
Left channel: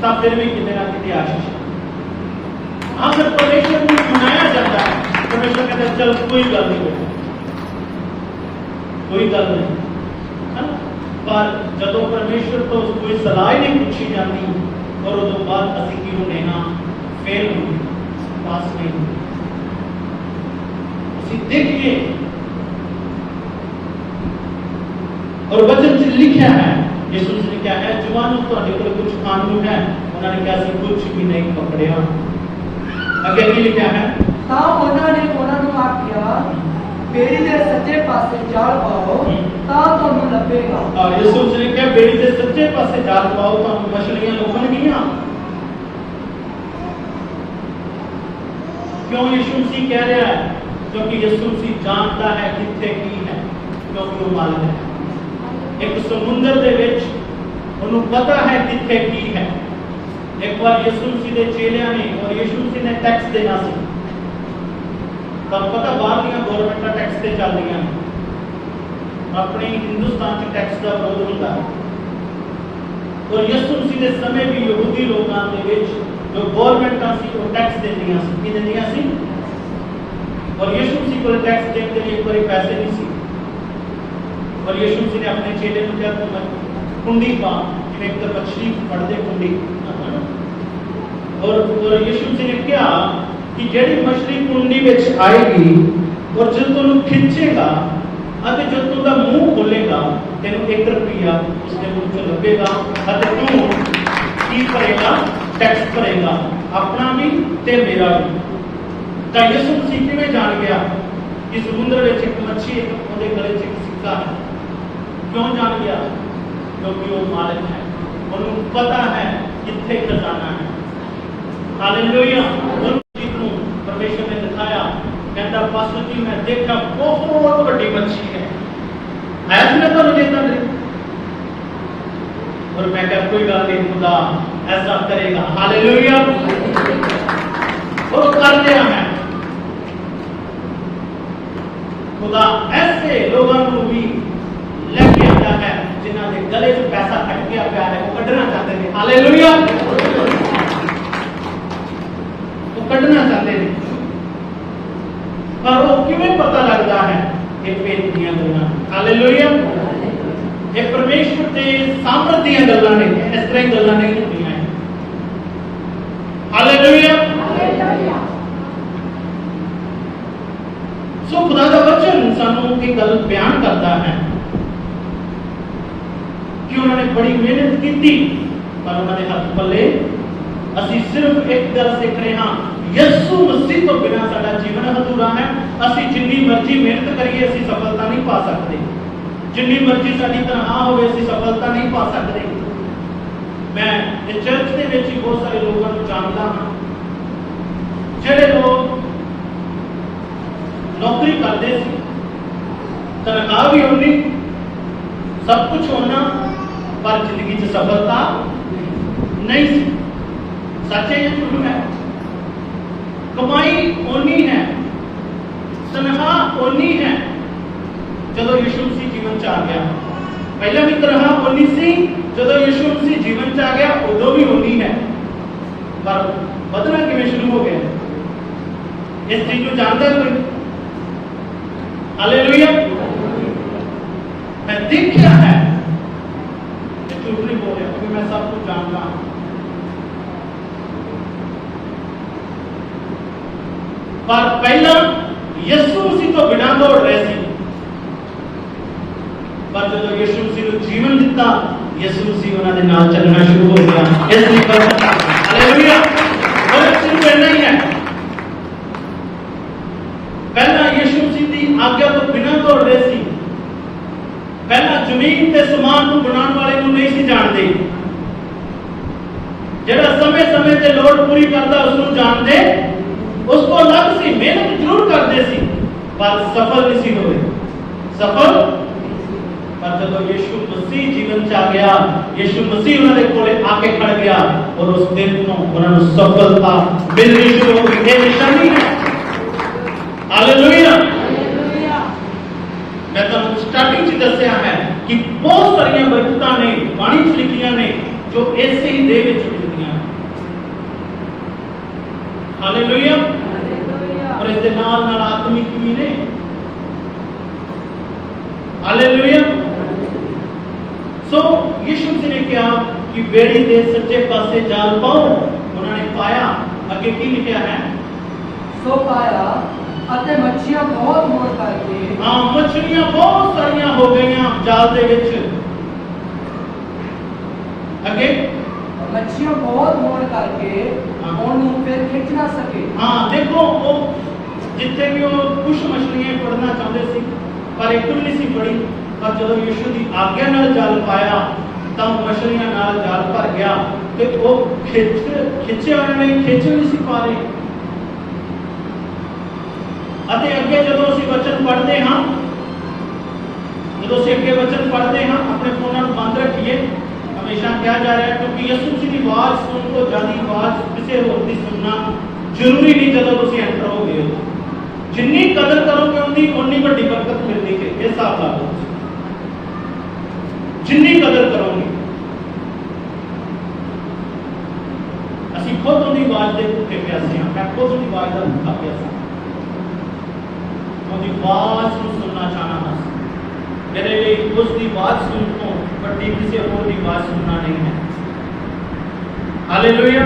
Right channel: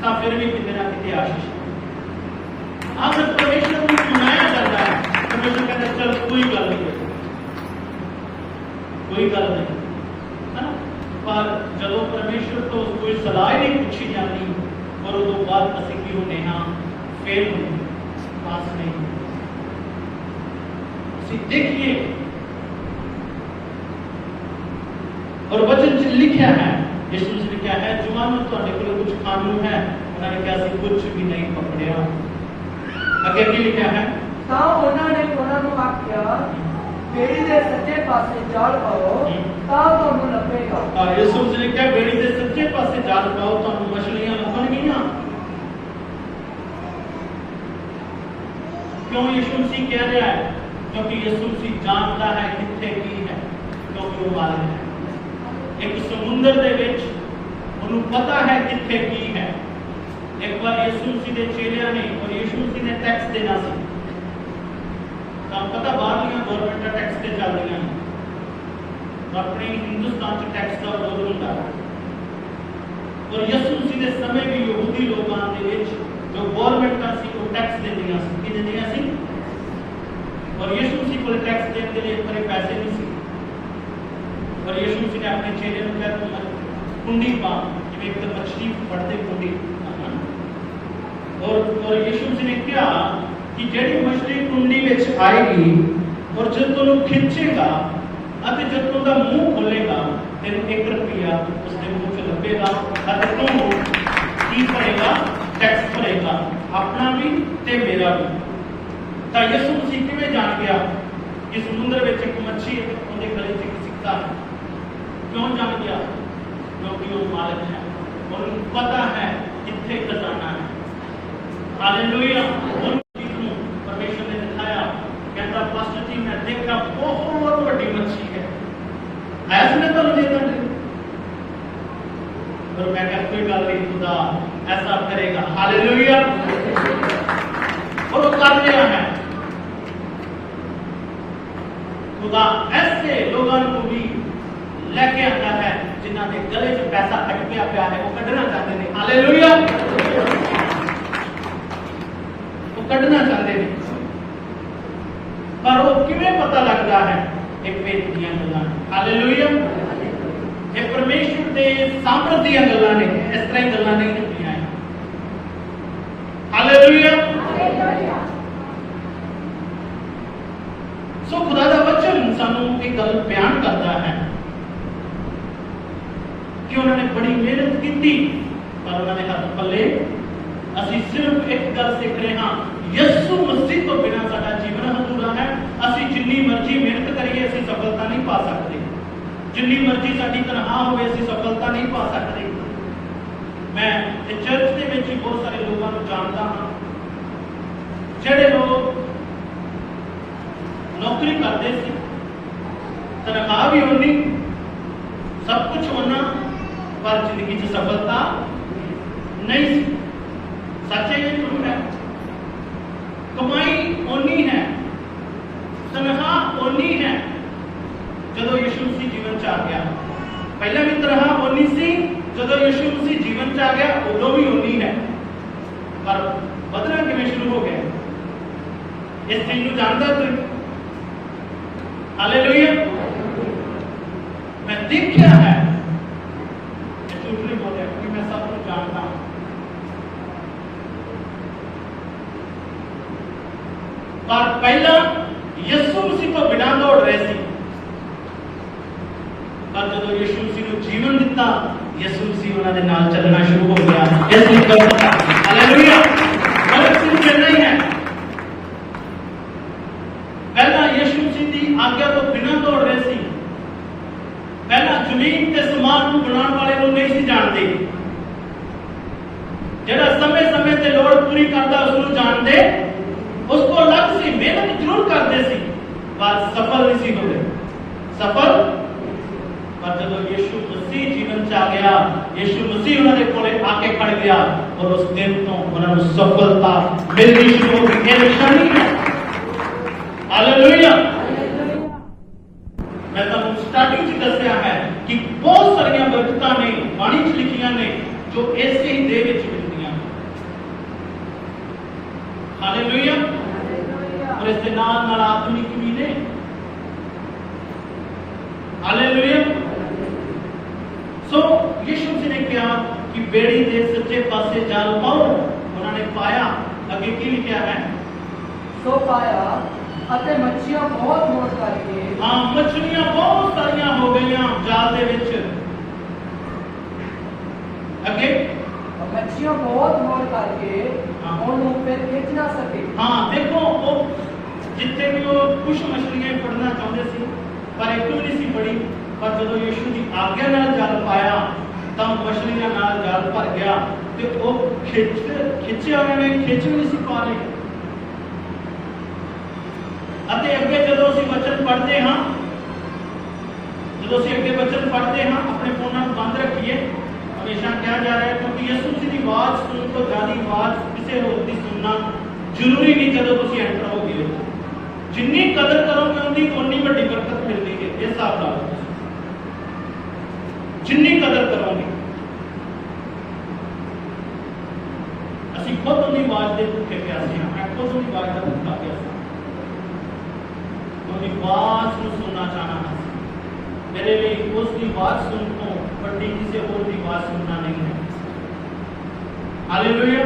तो फिर भी कितने ना कितने आशीष है। आखिर परमेश्वर को सुनाया जाता है, परमेश्वर कहते हैं चल कोई गल नहीं, कोई गल नहीं है। पर जब परमेश्वर तो कोई सलाह नहीं पूछी जाती और उस बाद असीं की होने हाँ फेल पास नहीं होते। देखिए और वचन से लिखा है, यीशु ने क्या है, जवानों ਤੁਹਾਡੇ ਕੋਲ कुछ कानून है, उन्होंने कहा ਸੀ कुछ भी नहीं पकड़िया। ਅੱਗੇ ਕੀ ਲਿਖਿਆ ਹੈ, ਤਾਂ ਉਹਨਾਂ ਨੇ ਉਹਨਾਂ ਨੂੰ ਆਖਿਆ, ਬੇੜੀ ਦੇ ਸੱਜੇ ਪਾਸੇ ਜਾਲ ਪਾਓ ਤਾਂ ਤੁਹਾਨੂੰ ਲੱਭੇਗਾ। ਯਿਸੂ ਨੇ ਕਿਹਾ ਬੇੜੀ ਦੇ ਸੱਜੇ ਪਾਸੇ ਜਾਲ ਪਾਓ ਤੁਹਾਨੂੰ ਮਛਲੀਆਂ ਲੱਭਣਗੀਆਂ। क्यों यीशु मसीह कह रहा है? क्योंकि यीशु मसीह जानता है किथे की है, क्योंकि वो मालिक है। एक समुद्र दे विच उन्हें पता है किथे की है। एक बार यीशु मसीह के चेलियां ने और यीशु मसीह ने टैक्स देना सी, तब पता बाहर गवर्नमेंट टैक्स से चल रही अपने हिंदुस्तान से टैक्स का विरोध होता है। और यीशु मसीह के समय भी यहूदी लोगों के विच जो गवर्नमेंट सी वो टैक्स देंदियां सी, की देंदियां सी। और यीशु मसीह को टैक्स देने के लिए एक बार पैसे नहीं सी, और यीशु मसीह ने अपने चेले को कहा तुम कुंडी पा, जिवें एक तो मछली फड़दे कुंडी। और यीशु मसीह ने कहा कि जेड़ी मछली कुंडी विच आएगी और जब तुम खिंचेगा और जब तुम मुंह खोलेगा तेन 1 रुपया उसके मुंह से लगेगा और तू की करेगा, टैक्स भरेगा, अपना भी ते मेरा भी। तो यीशु मसीह किवें जान गया कि समुद्र में एक मच्छी उहदे गले च एक सिक्का है? क्यों जान गया? क्योंकि वो मालिक है, उन्हें पता है किथे खजाना है। हालेलुया। परमेश्वर ने दिखाया, कहता पास्टर जी मैं देखा बहुत बड़ी मच्छी है, ऐसा मैं तो चेता नहीं। और मैं कहा कोई गल नहीं, खुदा ऐसा करेगा। हालेलुया। और कर लिया है खुदा। ऐसे लोगों को भी लेके आता है जिन्हों के गले से पैसा अटकिया पिया है, वो कढ़ना चाहते थे। हालेलुया। वो कढ़ना चाहते थे, पर वो किवें पता लगता है? एक भेद दियां गल्लां। हालेलुया। ये परमेश्वर के सामर्थ दियां गल्लां ने, इस तरह गल्लां नहीं होंदियां। हालेलुया। सो खुदा का वचन सानू की गल बयान करता है कि उन्होंने बड़ी मेहनत की थी पर उन्होंने हाथ पल्ले। असी सिर्फ एक गल सीख रहे हाँ, यीशु मसीह तो बिना साडा जीवन अधूरा है। असी जिन्नी मर्जी मेहनत करिए असी सफलता नहीं पा सकते, जिन्नी मर्जी साडी तनख्वाह होवे असी सफलता नहीं पा सकते। मैं इस चर्च के विच बहुत सारे लोगों को जानता हाँ, जिहड़े लोग नौकरी करते सी तनख्वाह भी होनी, सब कुछ होना, पर जिंदगी च सफलता नहीं सी। सच है या झूठ है? कमाई ओनी है, तनख्वाह ओनी है, जदों यीशु मसीह जीवन च आ गया। पहले भी तनख्वाह ओनी सी, जदों यीशु मसीह जीवन च आ गया उदों भी ओनी है, पर बदलना किवें शुरू हो गया? इस चीज को जानता है कोई? हालेलुया। मैं देखा है, मैं झूठ नहीं बोल रहा क्योंकि मैं सब कुछ जानता हूं। पर पहला यीशु मसीह तो बिना दौड़ रहे थे, पर जो यीशु मसीह को जीवन दिता, यीशु मसीह उन्होंने नाल चलना शुरू हो गया। हालेलुया। और शुरू करना ही है। पहला यीशु मसीह की आज्ञा तो बिना दौड़ रहे थे। पहला जमीन के समान को बनाने वाले को नहीं सी जानते, जरा समय समय से लोड़ पूरी करता उसको जानते, उसको लग सी मेहनत जरूर करते सी, पर सफल नहीं सी हुए। सफल पर जब यीशु मसीह जीवन च आ गया, यीशु मसीह उन्होंने कोले आके खड़ गया और उस दिन तो उन्होंने सफलता मिलनी शुरू हो गई। ये निशानी है। हालेलुया। मैं तो स्टार्टिंग च दसिया है कि बहुत सारी बरकतां ने बाणी च लिखियां ने जो ऐसे ही दे विच मिलदियां। हालेलुया। और इस दे नाल नाल आत्मिक भी ने। हालेलुया। सो यीशु जी ने कहा कि बेड़ी दे सच्चे पासे जाल पाओ, उन्होंने पाया। आगे की लिखा है? सो पाया अते मच्छियां बहुत मोड़ करके, हाँ मछलियां बहुत सारियां हो गईयां जाल दे विच। आगे मच्छियां बहुत मोड़ करके उन्हें फिर खिंच ना सके। हाँ देखो वो जिथे भी वो कुछ मछलियां फड़ना चाहते सी, पर एक भी नहीं सी फड़ी। पर जो यीशु की आज्ञा नाल जाल पाया तो मछलियां नाल जाल भर गया ते वो खिंचे उन्होंने खिंच नहीं सी पा रहे। अते अगे जदों असीं वचन पढ़ते हाँ, जदों असीं अगे वचन पढ़ते हाँ, अपने फोनां नूं बंद रखिए। हमेशा कहा जा रहा है क्योंकि यीशु जी की आवाज सुन तो ज्यादा आवाज किसी होर की सुनना जरूरी नहीं। जदों तुसीं एंटर हो गए, जिन्नी कदर करोगे उन्नी उन्नी वड्डी बरकत मिलती है। ये हिसाब लाओ, जिन्नी कदर करोगे। असीं खुद उन्नी आवाज के भुखे प्यासे हाँ, मैं खुद उन्नी आवाज का भुखा प्यासा। उन्नी आवाज को सुनना चाहना है। मेरे लिए उसकी आवाज सुन तो बड़ी किसी और की आवाज सुनना नहीं है। हालेलुया।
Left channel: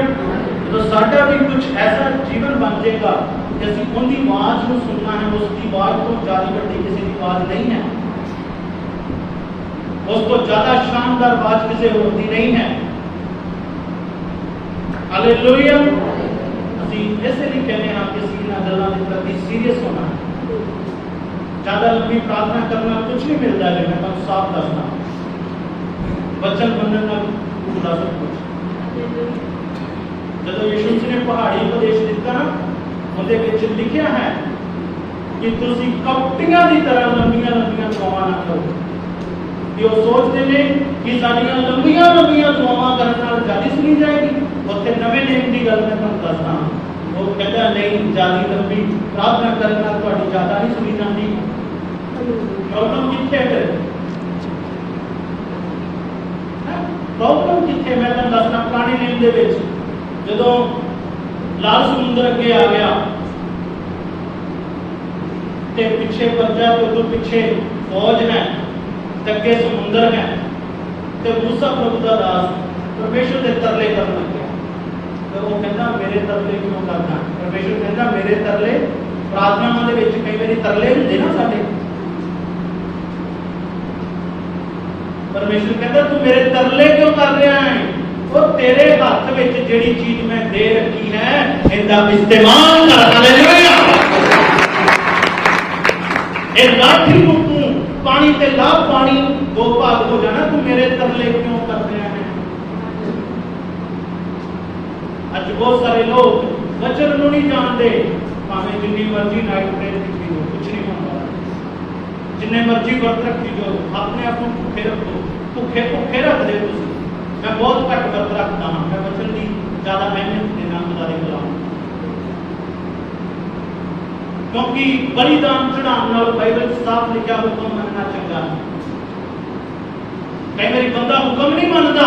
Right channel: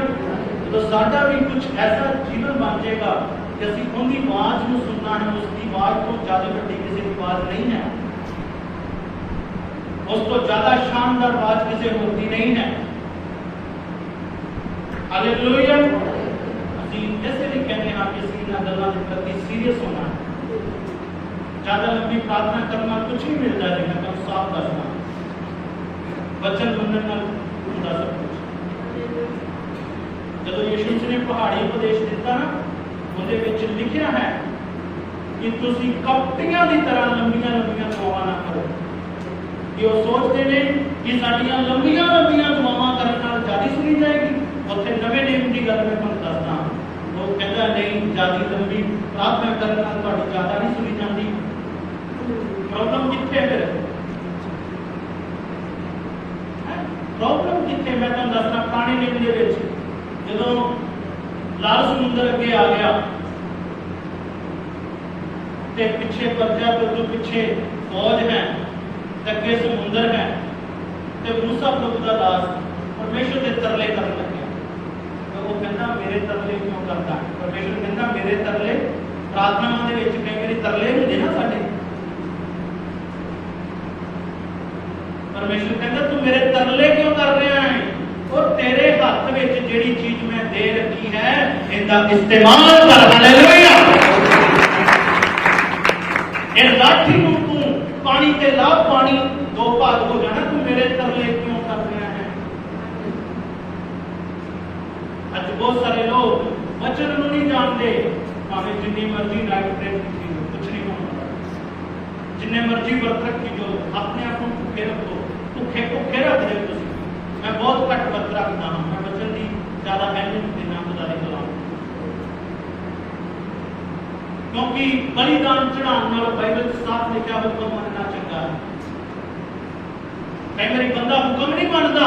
तो साडा भी कुछ ऐसा जीवन बन जाएगा कि असीं उनकी आवाज को सुनना है। उसकी आवाज को ज्यादा बड़ी किसी की आवाज नहीं है, उसको ज्यादा शानदार आवाज किसी और की नहीं है। हालेलुया। असीं ऐसे नहीं कहने हाँ किसी इन गल्लां दे प्रति सीरियस होना है। ज्यादा लंबी प्रार्थना करना कुछ नहीं मिलता है। मैं तुहानूं साफ दसना, वचन मनण नाल जुड़ा सब कुछ। जब यीशु जी ने पहाड़ी उपदेश दिता ना, उहदे विच लिखिया है कि तुसीं कपटियां की तरह लंबियां लंबियां दुआवां ना करो। कि वो सोचते हैं कि साडियां लंबियां लंबियां दुआवां करन नाल जादी सुनी जाएगी। उत्थे नवे नियम की गल मैं तुहानूं दसदा, वो कहता नहीं जादी लंबी प्रार्थना करन नाल तुहाडी ज्यादा नहीं सुनी जाती। प्रॉब्लम कित्थे है? प्रॉब्लम कित्थे? मैं तुहानूं दसदा पुराने नियम दे विच जदों लाल समुद्र अगे आ गया ते पिछे पर्जा तो पिछे फौज है, अगे समुद्र है, ते मूसा प्रभु का दास परमेश्वर के तरले करने लगे। तो वो कहता मेरे तरले क्यों करता है? परमेश्वर कहता मेरे तरले प्रार्थनावां दे विच कई बारी तरले हुंदे ना साडे। परमेश्वर कहता तू मेरे तरले क्यों कर रहा है? वो तेरे हाथ में जिहड़ी चीज मैं दे रखी है इनका इस्तेमाल कर। हालेलुया। इस लाठी को तू पानी ते ला, पानी दो भाग हो जाना। तू मेरे तरले क्यों कर रहा है? आज बहुत सारे लोग वचन नहीं जानते, भावें जितनी मर्जी नाइट प्रेयर की कुछ नहीं होगा। जिन्ने मर्जी व्रत रखी जो अपने आप को भुखे रखो, भुखे रखते तुम। मैं बहुत घट व्रत रखता हाँ, मैं वचन की ज्यादा अहमियत देना खुदा के गुलाम, क्योंकि बलिदान चढ़ाने नाल बाइबल साफ लिखा हुक्म मनना चंगा। कई बार बंदा हुक्म नहीं मानता,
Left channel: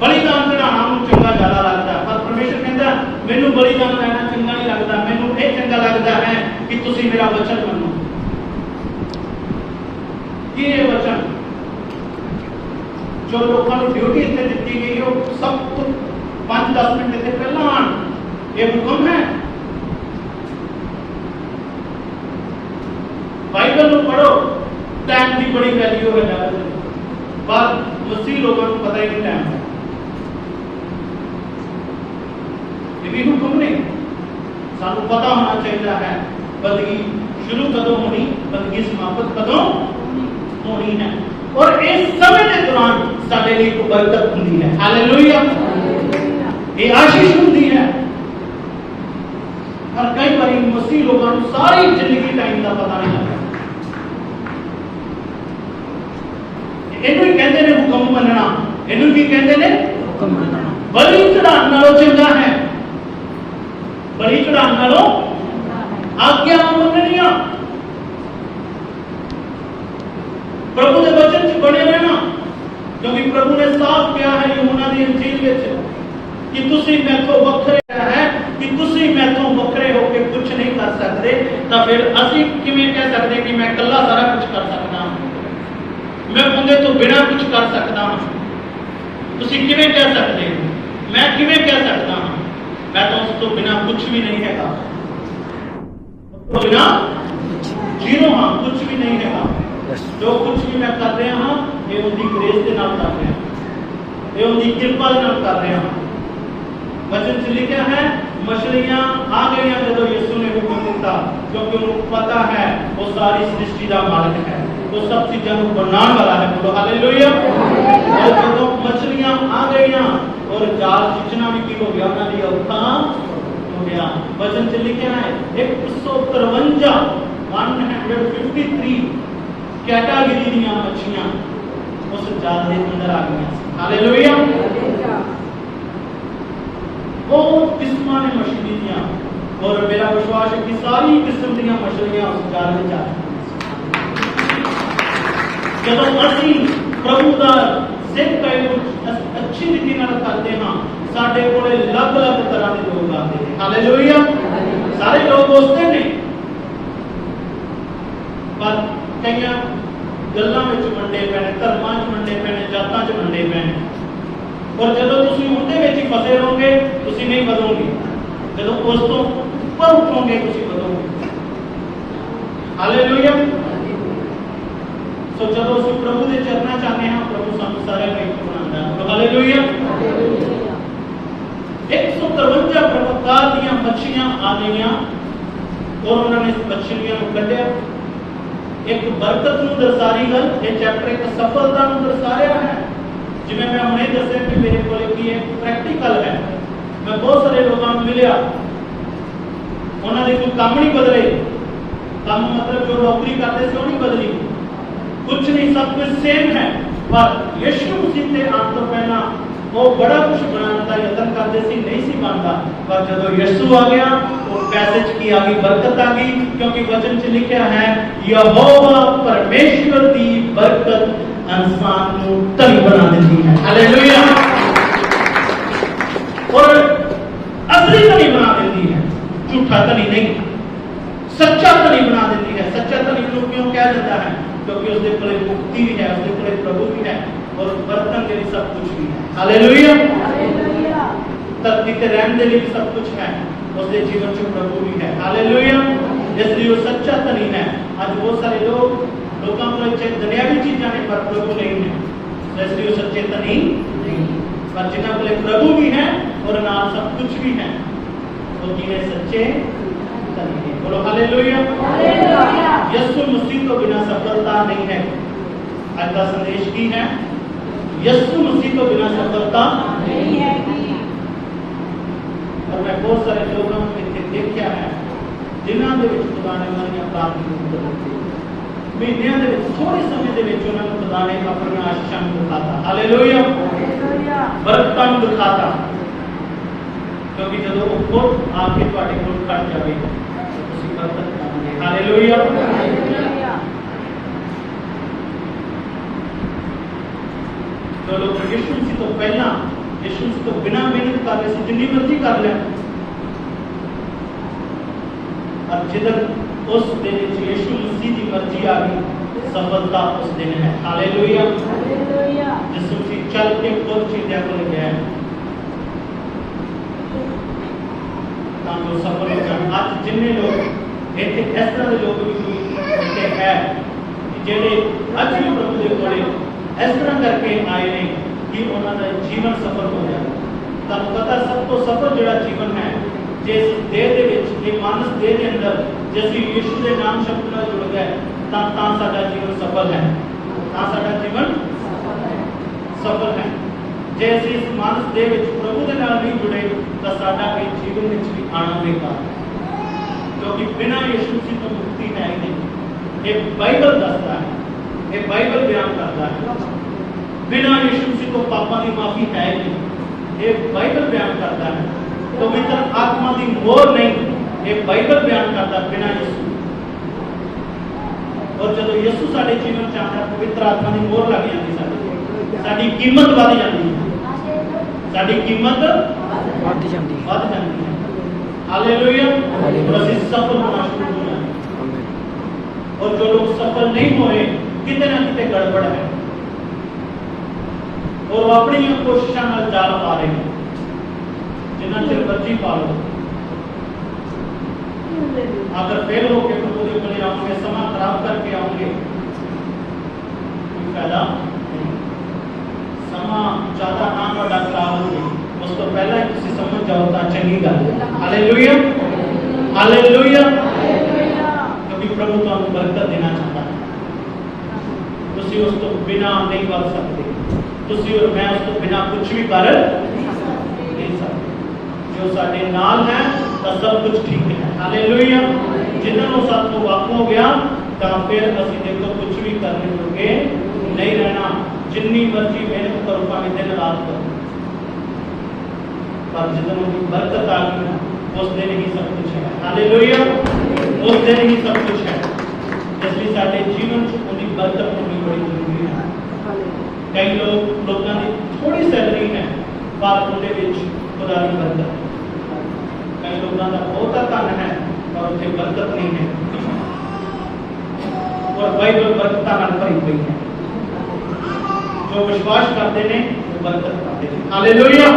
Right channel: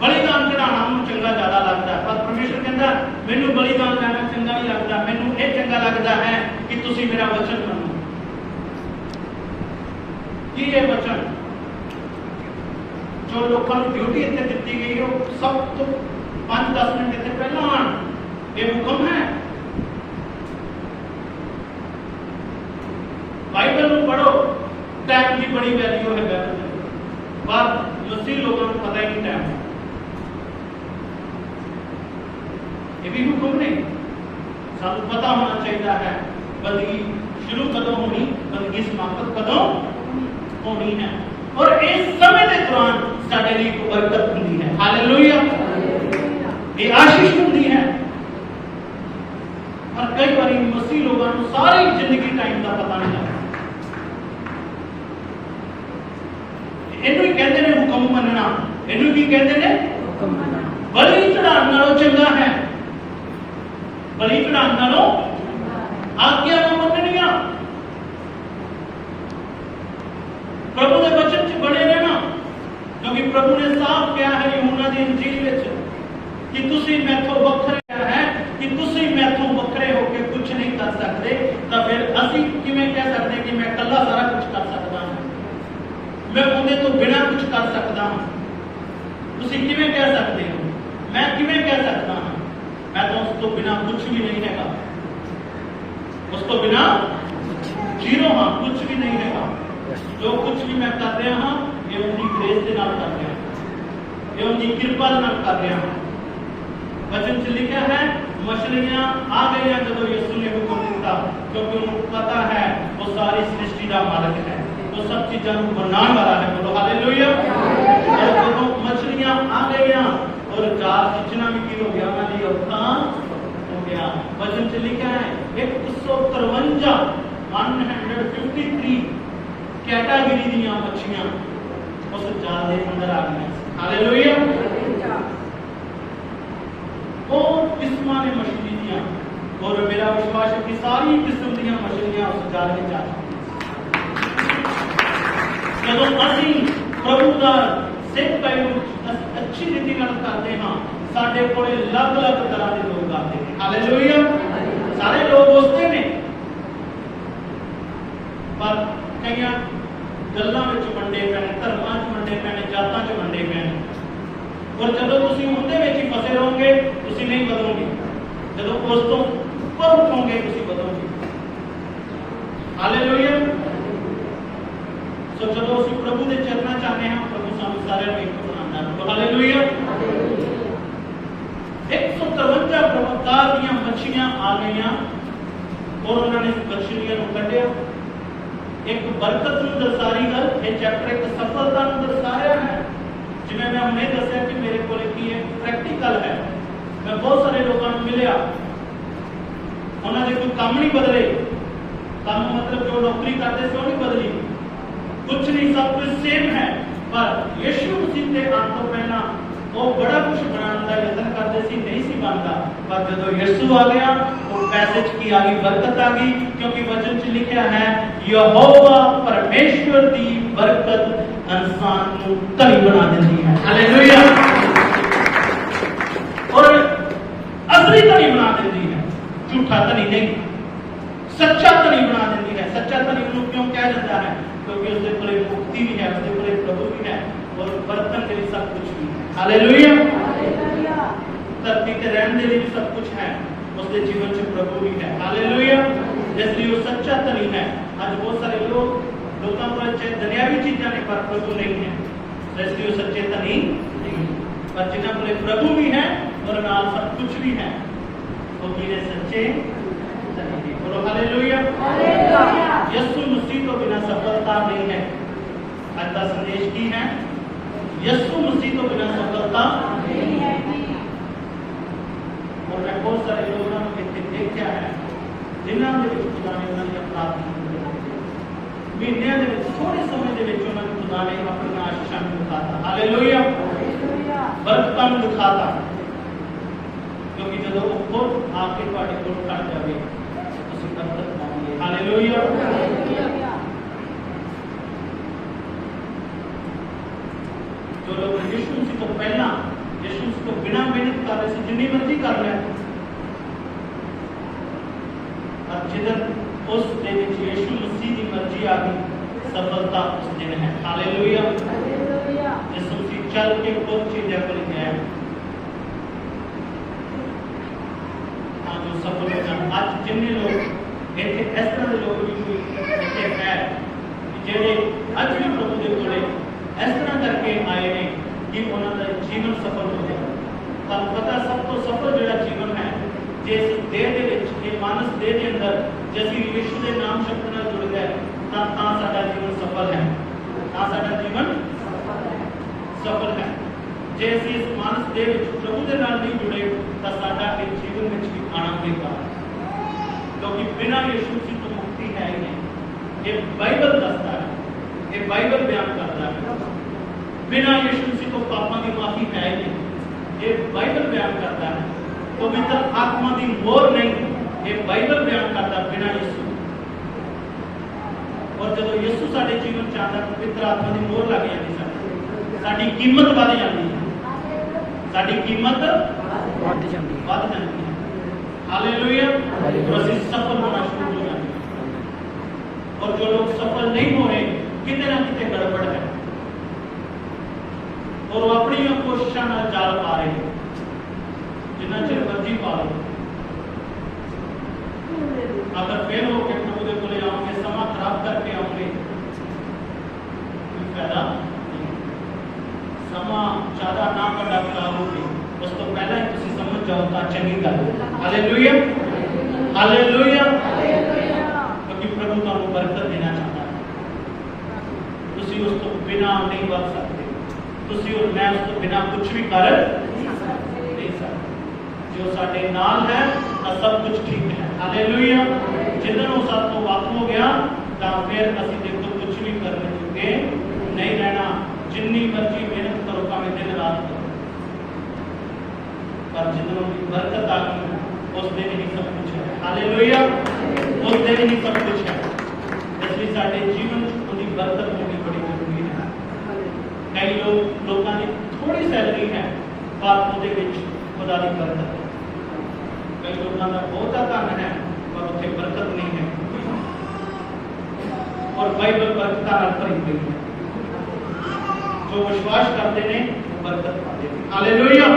बलिदान चढ़ाना चंगा ज्यादा लगता, पर परमेश्वर कहता मैनू बलिदान लेना चंगा नहीं लगता, मैनू ये चंगा लगता है कि तुसी मेरा वचन मनो। कि ये वचन जो लोगों को ड्यूटी इतने दी गई हो सब तो 5-10 मिनट इतने पहला आन, ये हुक्म है। बाइबल को पढ़ो, टाइम की बड़ी वैल्यू है ज्यादा, पर मसीह लोगों को पता ही नहीं टाइम है। ये भी हुक्म नहीं, सानू पता होना चाहिए है बंदगी शुरू कदों होनी, बंदगी समाप्त कदों होनी है, और इस समय के दौरान साडे लिए एक बरकत होती है। हालेलुया, ये आशीष होती है। और कई बार मसीह लोगों को सारी जिंदगी टाइम का पता नहीं लगता। इन्हें कहते हैं हुक्म मनना, इन्हें भी कहते हैं हुक्म मनना। बलि चढ़ाने नालों चंगा है, बलि चढ़ाने नालों आज्ञा मननिया, प्रभु के वचन च बने रहना, क्योंकि प्रभु ने साफ किया है यूहन्ना दी इंजील विच कि तुसी मैथों वखरे है, कि तुसी मैथों वखरे होके कुछ नहीं कर सकते, तो फिर असी किवें कह सकते कि मैं कल्ला सारा कुछ कर सकता हूं, मैं उनके तो बिना कुछ कर सकता हूं। तुसी किवें कह सकते हो, मैं किवें कह सकता हूं, मैं तो उस तो बिना कुछ भी नहीं है, उस तो बिना जीरो हाँ, कुछ भी नहीं है। जो कुछ भी मैं कर रहा हाँ, ये उनकी ग्रेस के नाम कर रहे हैं, ये उनकी कृपा के नाम कर रहे हैं। वचन से लिखा है मछलियां आ गई जब यीशु ने हुक्म दिता, क्योंकि उनको पता है वो सारी सृष्टि का मालिक है, तो सब चीजों को बनाने वाला है। बोलो हालेलुया। और जब मछलियां आ गई और जाल खींचना भी की हो गया, उन्होंने औखा हो गया। वचन से लिखा है 153 कैटेगरी दी मछलियां उस जाल के अंदर आ गई। हालेलुया। वो किस्मां ने मछली दियां, और मेरा विश्वास है कि सारी किस्म दी मछलियां उस जाल में आ गई। जब असी प्रभु का सेवक अच्छी रीति करते हाँ, साडे कोले अलग-अलग तरह के लोग आते हैं। हालेलुया। सारे लोग दोस्ते ने, पर कई गल्लां विच वंडे पैने, धर्मां च वंडे पैने, जातां च वंडे पैने, और जदों तुसीं उहदे विच ही फसे रहोगे तुसीं नहीं बदलोगे, जदों उस तो ऊपर उठोगे तुसीं बदलोगे। हालेलुया। सो जदों असीं प्रभु दे चरनां च आने हां, प्रभु सानूं सारिआं नूं इक बनाउंदा। हालेलुया। 153 प्रकार दीयां मच्छियां आ गईयां, और उन्होंने मछलियां नूं कढिया। एक बरकत नूं दर्शा रही गल, यह चैप्टर एक सफलता नूं दर्शा रहा है। जिवें मैं हुणे दस्सिया कि मेरे कोल की है प्रैक्टिकल है, मैं बहुत सारे लोगों को मिलिया, उन्होंने कोई काम नहीं बदले, काम मतलब जो नौकरी करते थे वो नहीं बदली, कुछ नहीं, सब कुछ सेम है, पर यीशु मसीह के आने तो पहला वो बड़ा कुछ बनाने का यत्न करते सी, नहीं सी बनता, पर जब यीशु आ गया तो पैसेज की आ गई, बरकत आ गई, क्योंकि वचन से लिखा है यहोवा परमेश्वर की बरकत इंसान को धनी बना देती है। हालेलुया। और असली धनी बना देती है, झूठा धनी नहीं, सच्चा धनी बना देती है। सच्चा धनी लोग क्यों कहा जाता है? क्योंकि उसके कोले मुक्ति भी है, उसके कोले प्रभु भी है, और बर्तन के लिए सब कुछ भी है। हालेलुया। धरती के रहने के लिए भी सब कुछ है, उसके जीवन से प्रभु भी है। हालेलुया। इसलिए वो सच्चा धनी है। आज बहुत सारे लोगों को दुनियावी चीजें ने, पर प्रभु नहीं है, इसलिए वो सच्चे धनी नहीं, पर जिन्होंने बोले प्रभु भी है और नाल सब कुछ भी है, वो जिन्हें सच्चे धनी है। बोलो हालेलुया। यीशु मसीह तो बिना सफलता नहीं है। आज का संदेश की है, यीशु मसीह तो बिना सफलता नहीं है। और मैं बहुत सारे लोगों को देखा है, ਦਿਨਾਂ ਦੇ ਵਿੱਚ ਖੁਦਾ ਨੇ ਉਹਨਾਂ ਦੀਆਂ ਪ੍ਰਾਰਥਨਾਵਾਂ ਨੂੰ ਕਬੂਲ ਕੀਤਾ। ਮਹੀਨਿਆਂ ਦੇ ਵਿੱਚ ਥੋੜੇ ਸਮੇਂ ਦੇ ਵਿੱਚ ਉਹਨਾਂ ਨੂੰ ਖੁਦਾ ਨੇ ਆਪਣੀਆਂ ਆਸ਼ੀਸ਼ਾਂ ਨੂੰ ਦਿਖਾਤਾ। ਹਾਲੇਲੂਇਆ। ਬਰਕਤਾਂ ਨੂੰ ਦਿਖਾਤਾ। ਕਿਉਂਕਿ ਜਦੋਂ ਉਹ ਖੁਦ ਆ ਕੇ ਤੁਹਾਡੇ ਕੋਲ ਖੜ ਜਾਵੇ ਤਾਂ ਤੁਸੀਂ ਬਰਕਤ ਪਾਓਗੇ। ਹਾਲੇਲੂਇਆ। जो लोग यीशु मसीह तो पहला यीशु मसीह तो बिना मेहनत कर रहे थे जितनी मर्जी कर लिया और जिधर उस दिन यीशु मसीह की मर्जी आ गई सफलता उस दिन है। हालेलुया। यीशु मसीह चल के खुद चीजें कर गया है ताकि सफल हो जाए। आज जिन्ने लोग इतने इस तरह के लोग भी इतने है जेडे आज भी प्रभु के कोले इस तरह करके आए ने कि उन्होंने जीवन सफल हो गया। तब पता सब तो सफल जो जीवन है जिस देह के विच ये मानस देह के अंदर जैसे यीशु के नाम शब्द नाल जुड़ गए तब साडा जीवन सफल है। साडा जीवन सफल है। जैसे इस मानस देह विच प्रभु के नाल नहीं जुड़े तो साडा के जीवन विच भी आना बेकार है क्योंकि बिना यीशु मसीह तो मुक्ति है ही नहीं। ये बाइबल दसता है, ये बाइबल बयान करता है। बिना यीशु मसीह को पापों की माफी है नहीं, ये बाइबल बयान करता है। पवित्र आत्मा की मोहर नहीं, ये बाइबल बयान करता है बिना यीशु। और जब यीशु साडे जीवन च आंदा पवित्र आत्मा की मोहर लग जाती साडी, साडी कीमत वध जाती है, साडी कीमत वध जाती है। हालेलुया। और ਅਸੀਂ सफल होना शुरू हो जाते हैं। और जो लोग सफल नहीं हो रहे कितने ना कितने गड़बड़ है और वो अपनी कोशिशों में जाल पा रहे हैं जिन्ना चिर मर्जी पा लो। अगर फेल होकर प्रभु के बोले आऊंगे समा खराब करके आऊंगे कोई फायदा नहीं। समा ज्यादा ना बड़ा खराब होगी उस तो पहले ही तुम समझ जाओ तो चंगी गल। हालेलुया। हालेलुया। क्योंकि प्रभु तो बरकत देना चाहता है। तुसी उस तो बिना नहीं कर सकते, तुसी और मैं उस तो बिना कुछ भी कर नहीं सकते। जो साडे नाल है तो सब कुछ ठीक है। हालेलुया। जिन्होंने साथ तो वाकू हो गया तो फिर असि देखो कुछ भी करने जोगे नहीं रहना। जिन्नी मर्जी मेहनत करो भावें दिन रात करो पर जितनों की बरकत आ गई उस दिन ही सब कुछ है। हालेलुया। उस दिन ही सब कुछ है। इसलिए साडे जीवन उनकी बरकत होनी बड़ी जरूरी है। कई लोगों की थोड़ी सैलरी है पर उनके विच खुदा की बरकत है। कई लोगों का बहुत धन है पर उसे बरकत नहीं है और बाइबल बरकत नाल भरी हुई है। जो विश्वास करते हैं वो बरकत पाते हैं। हालेलुया।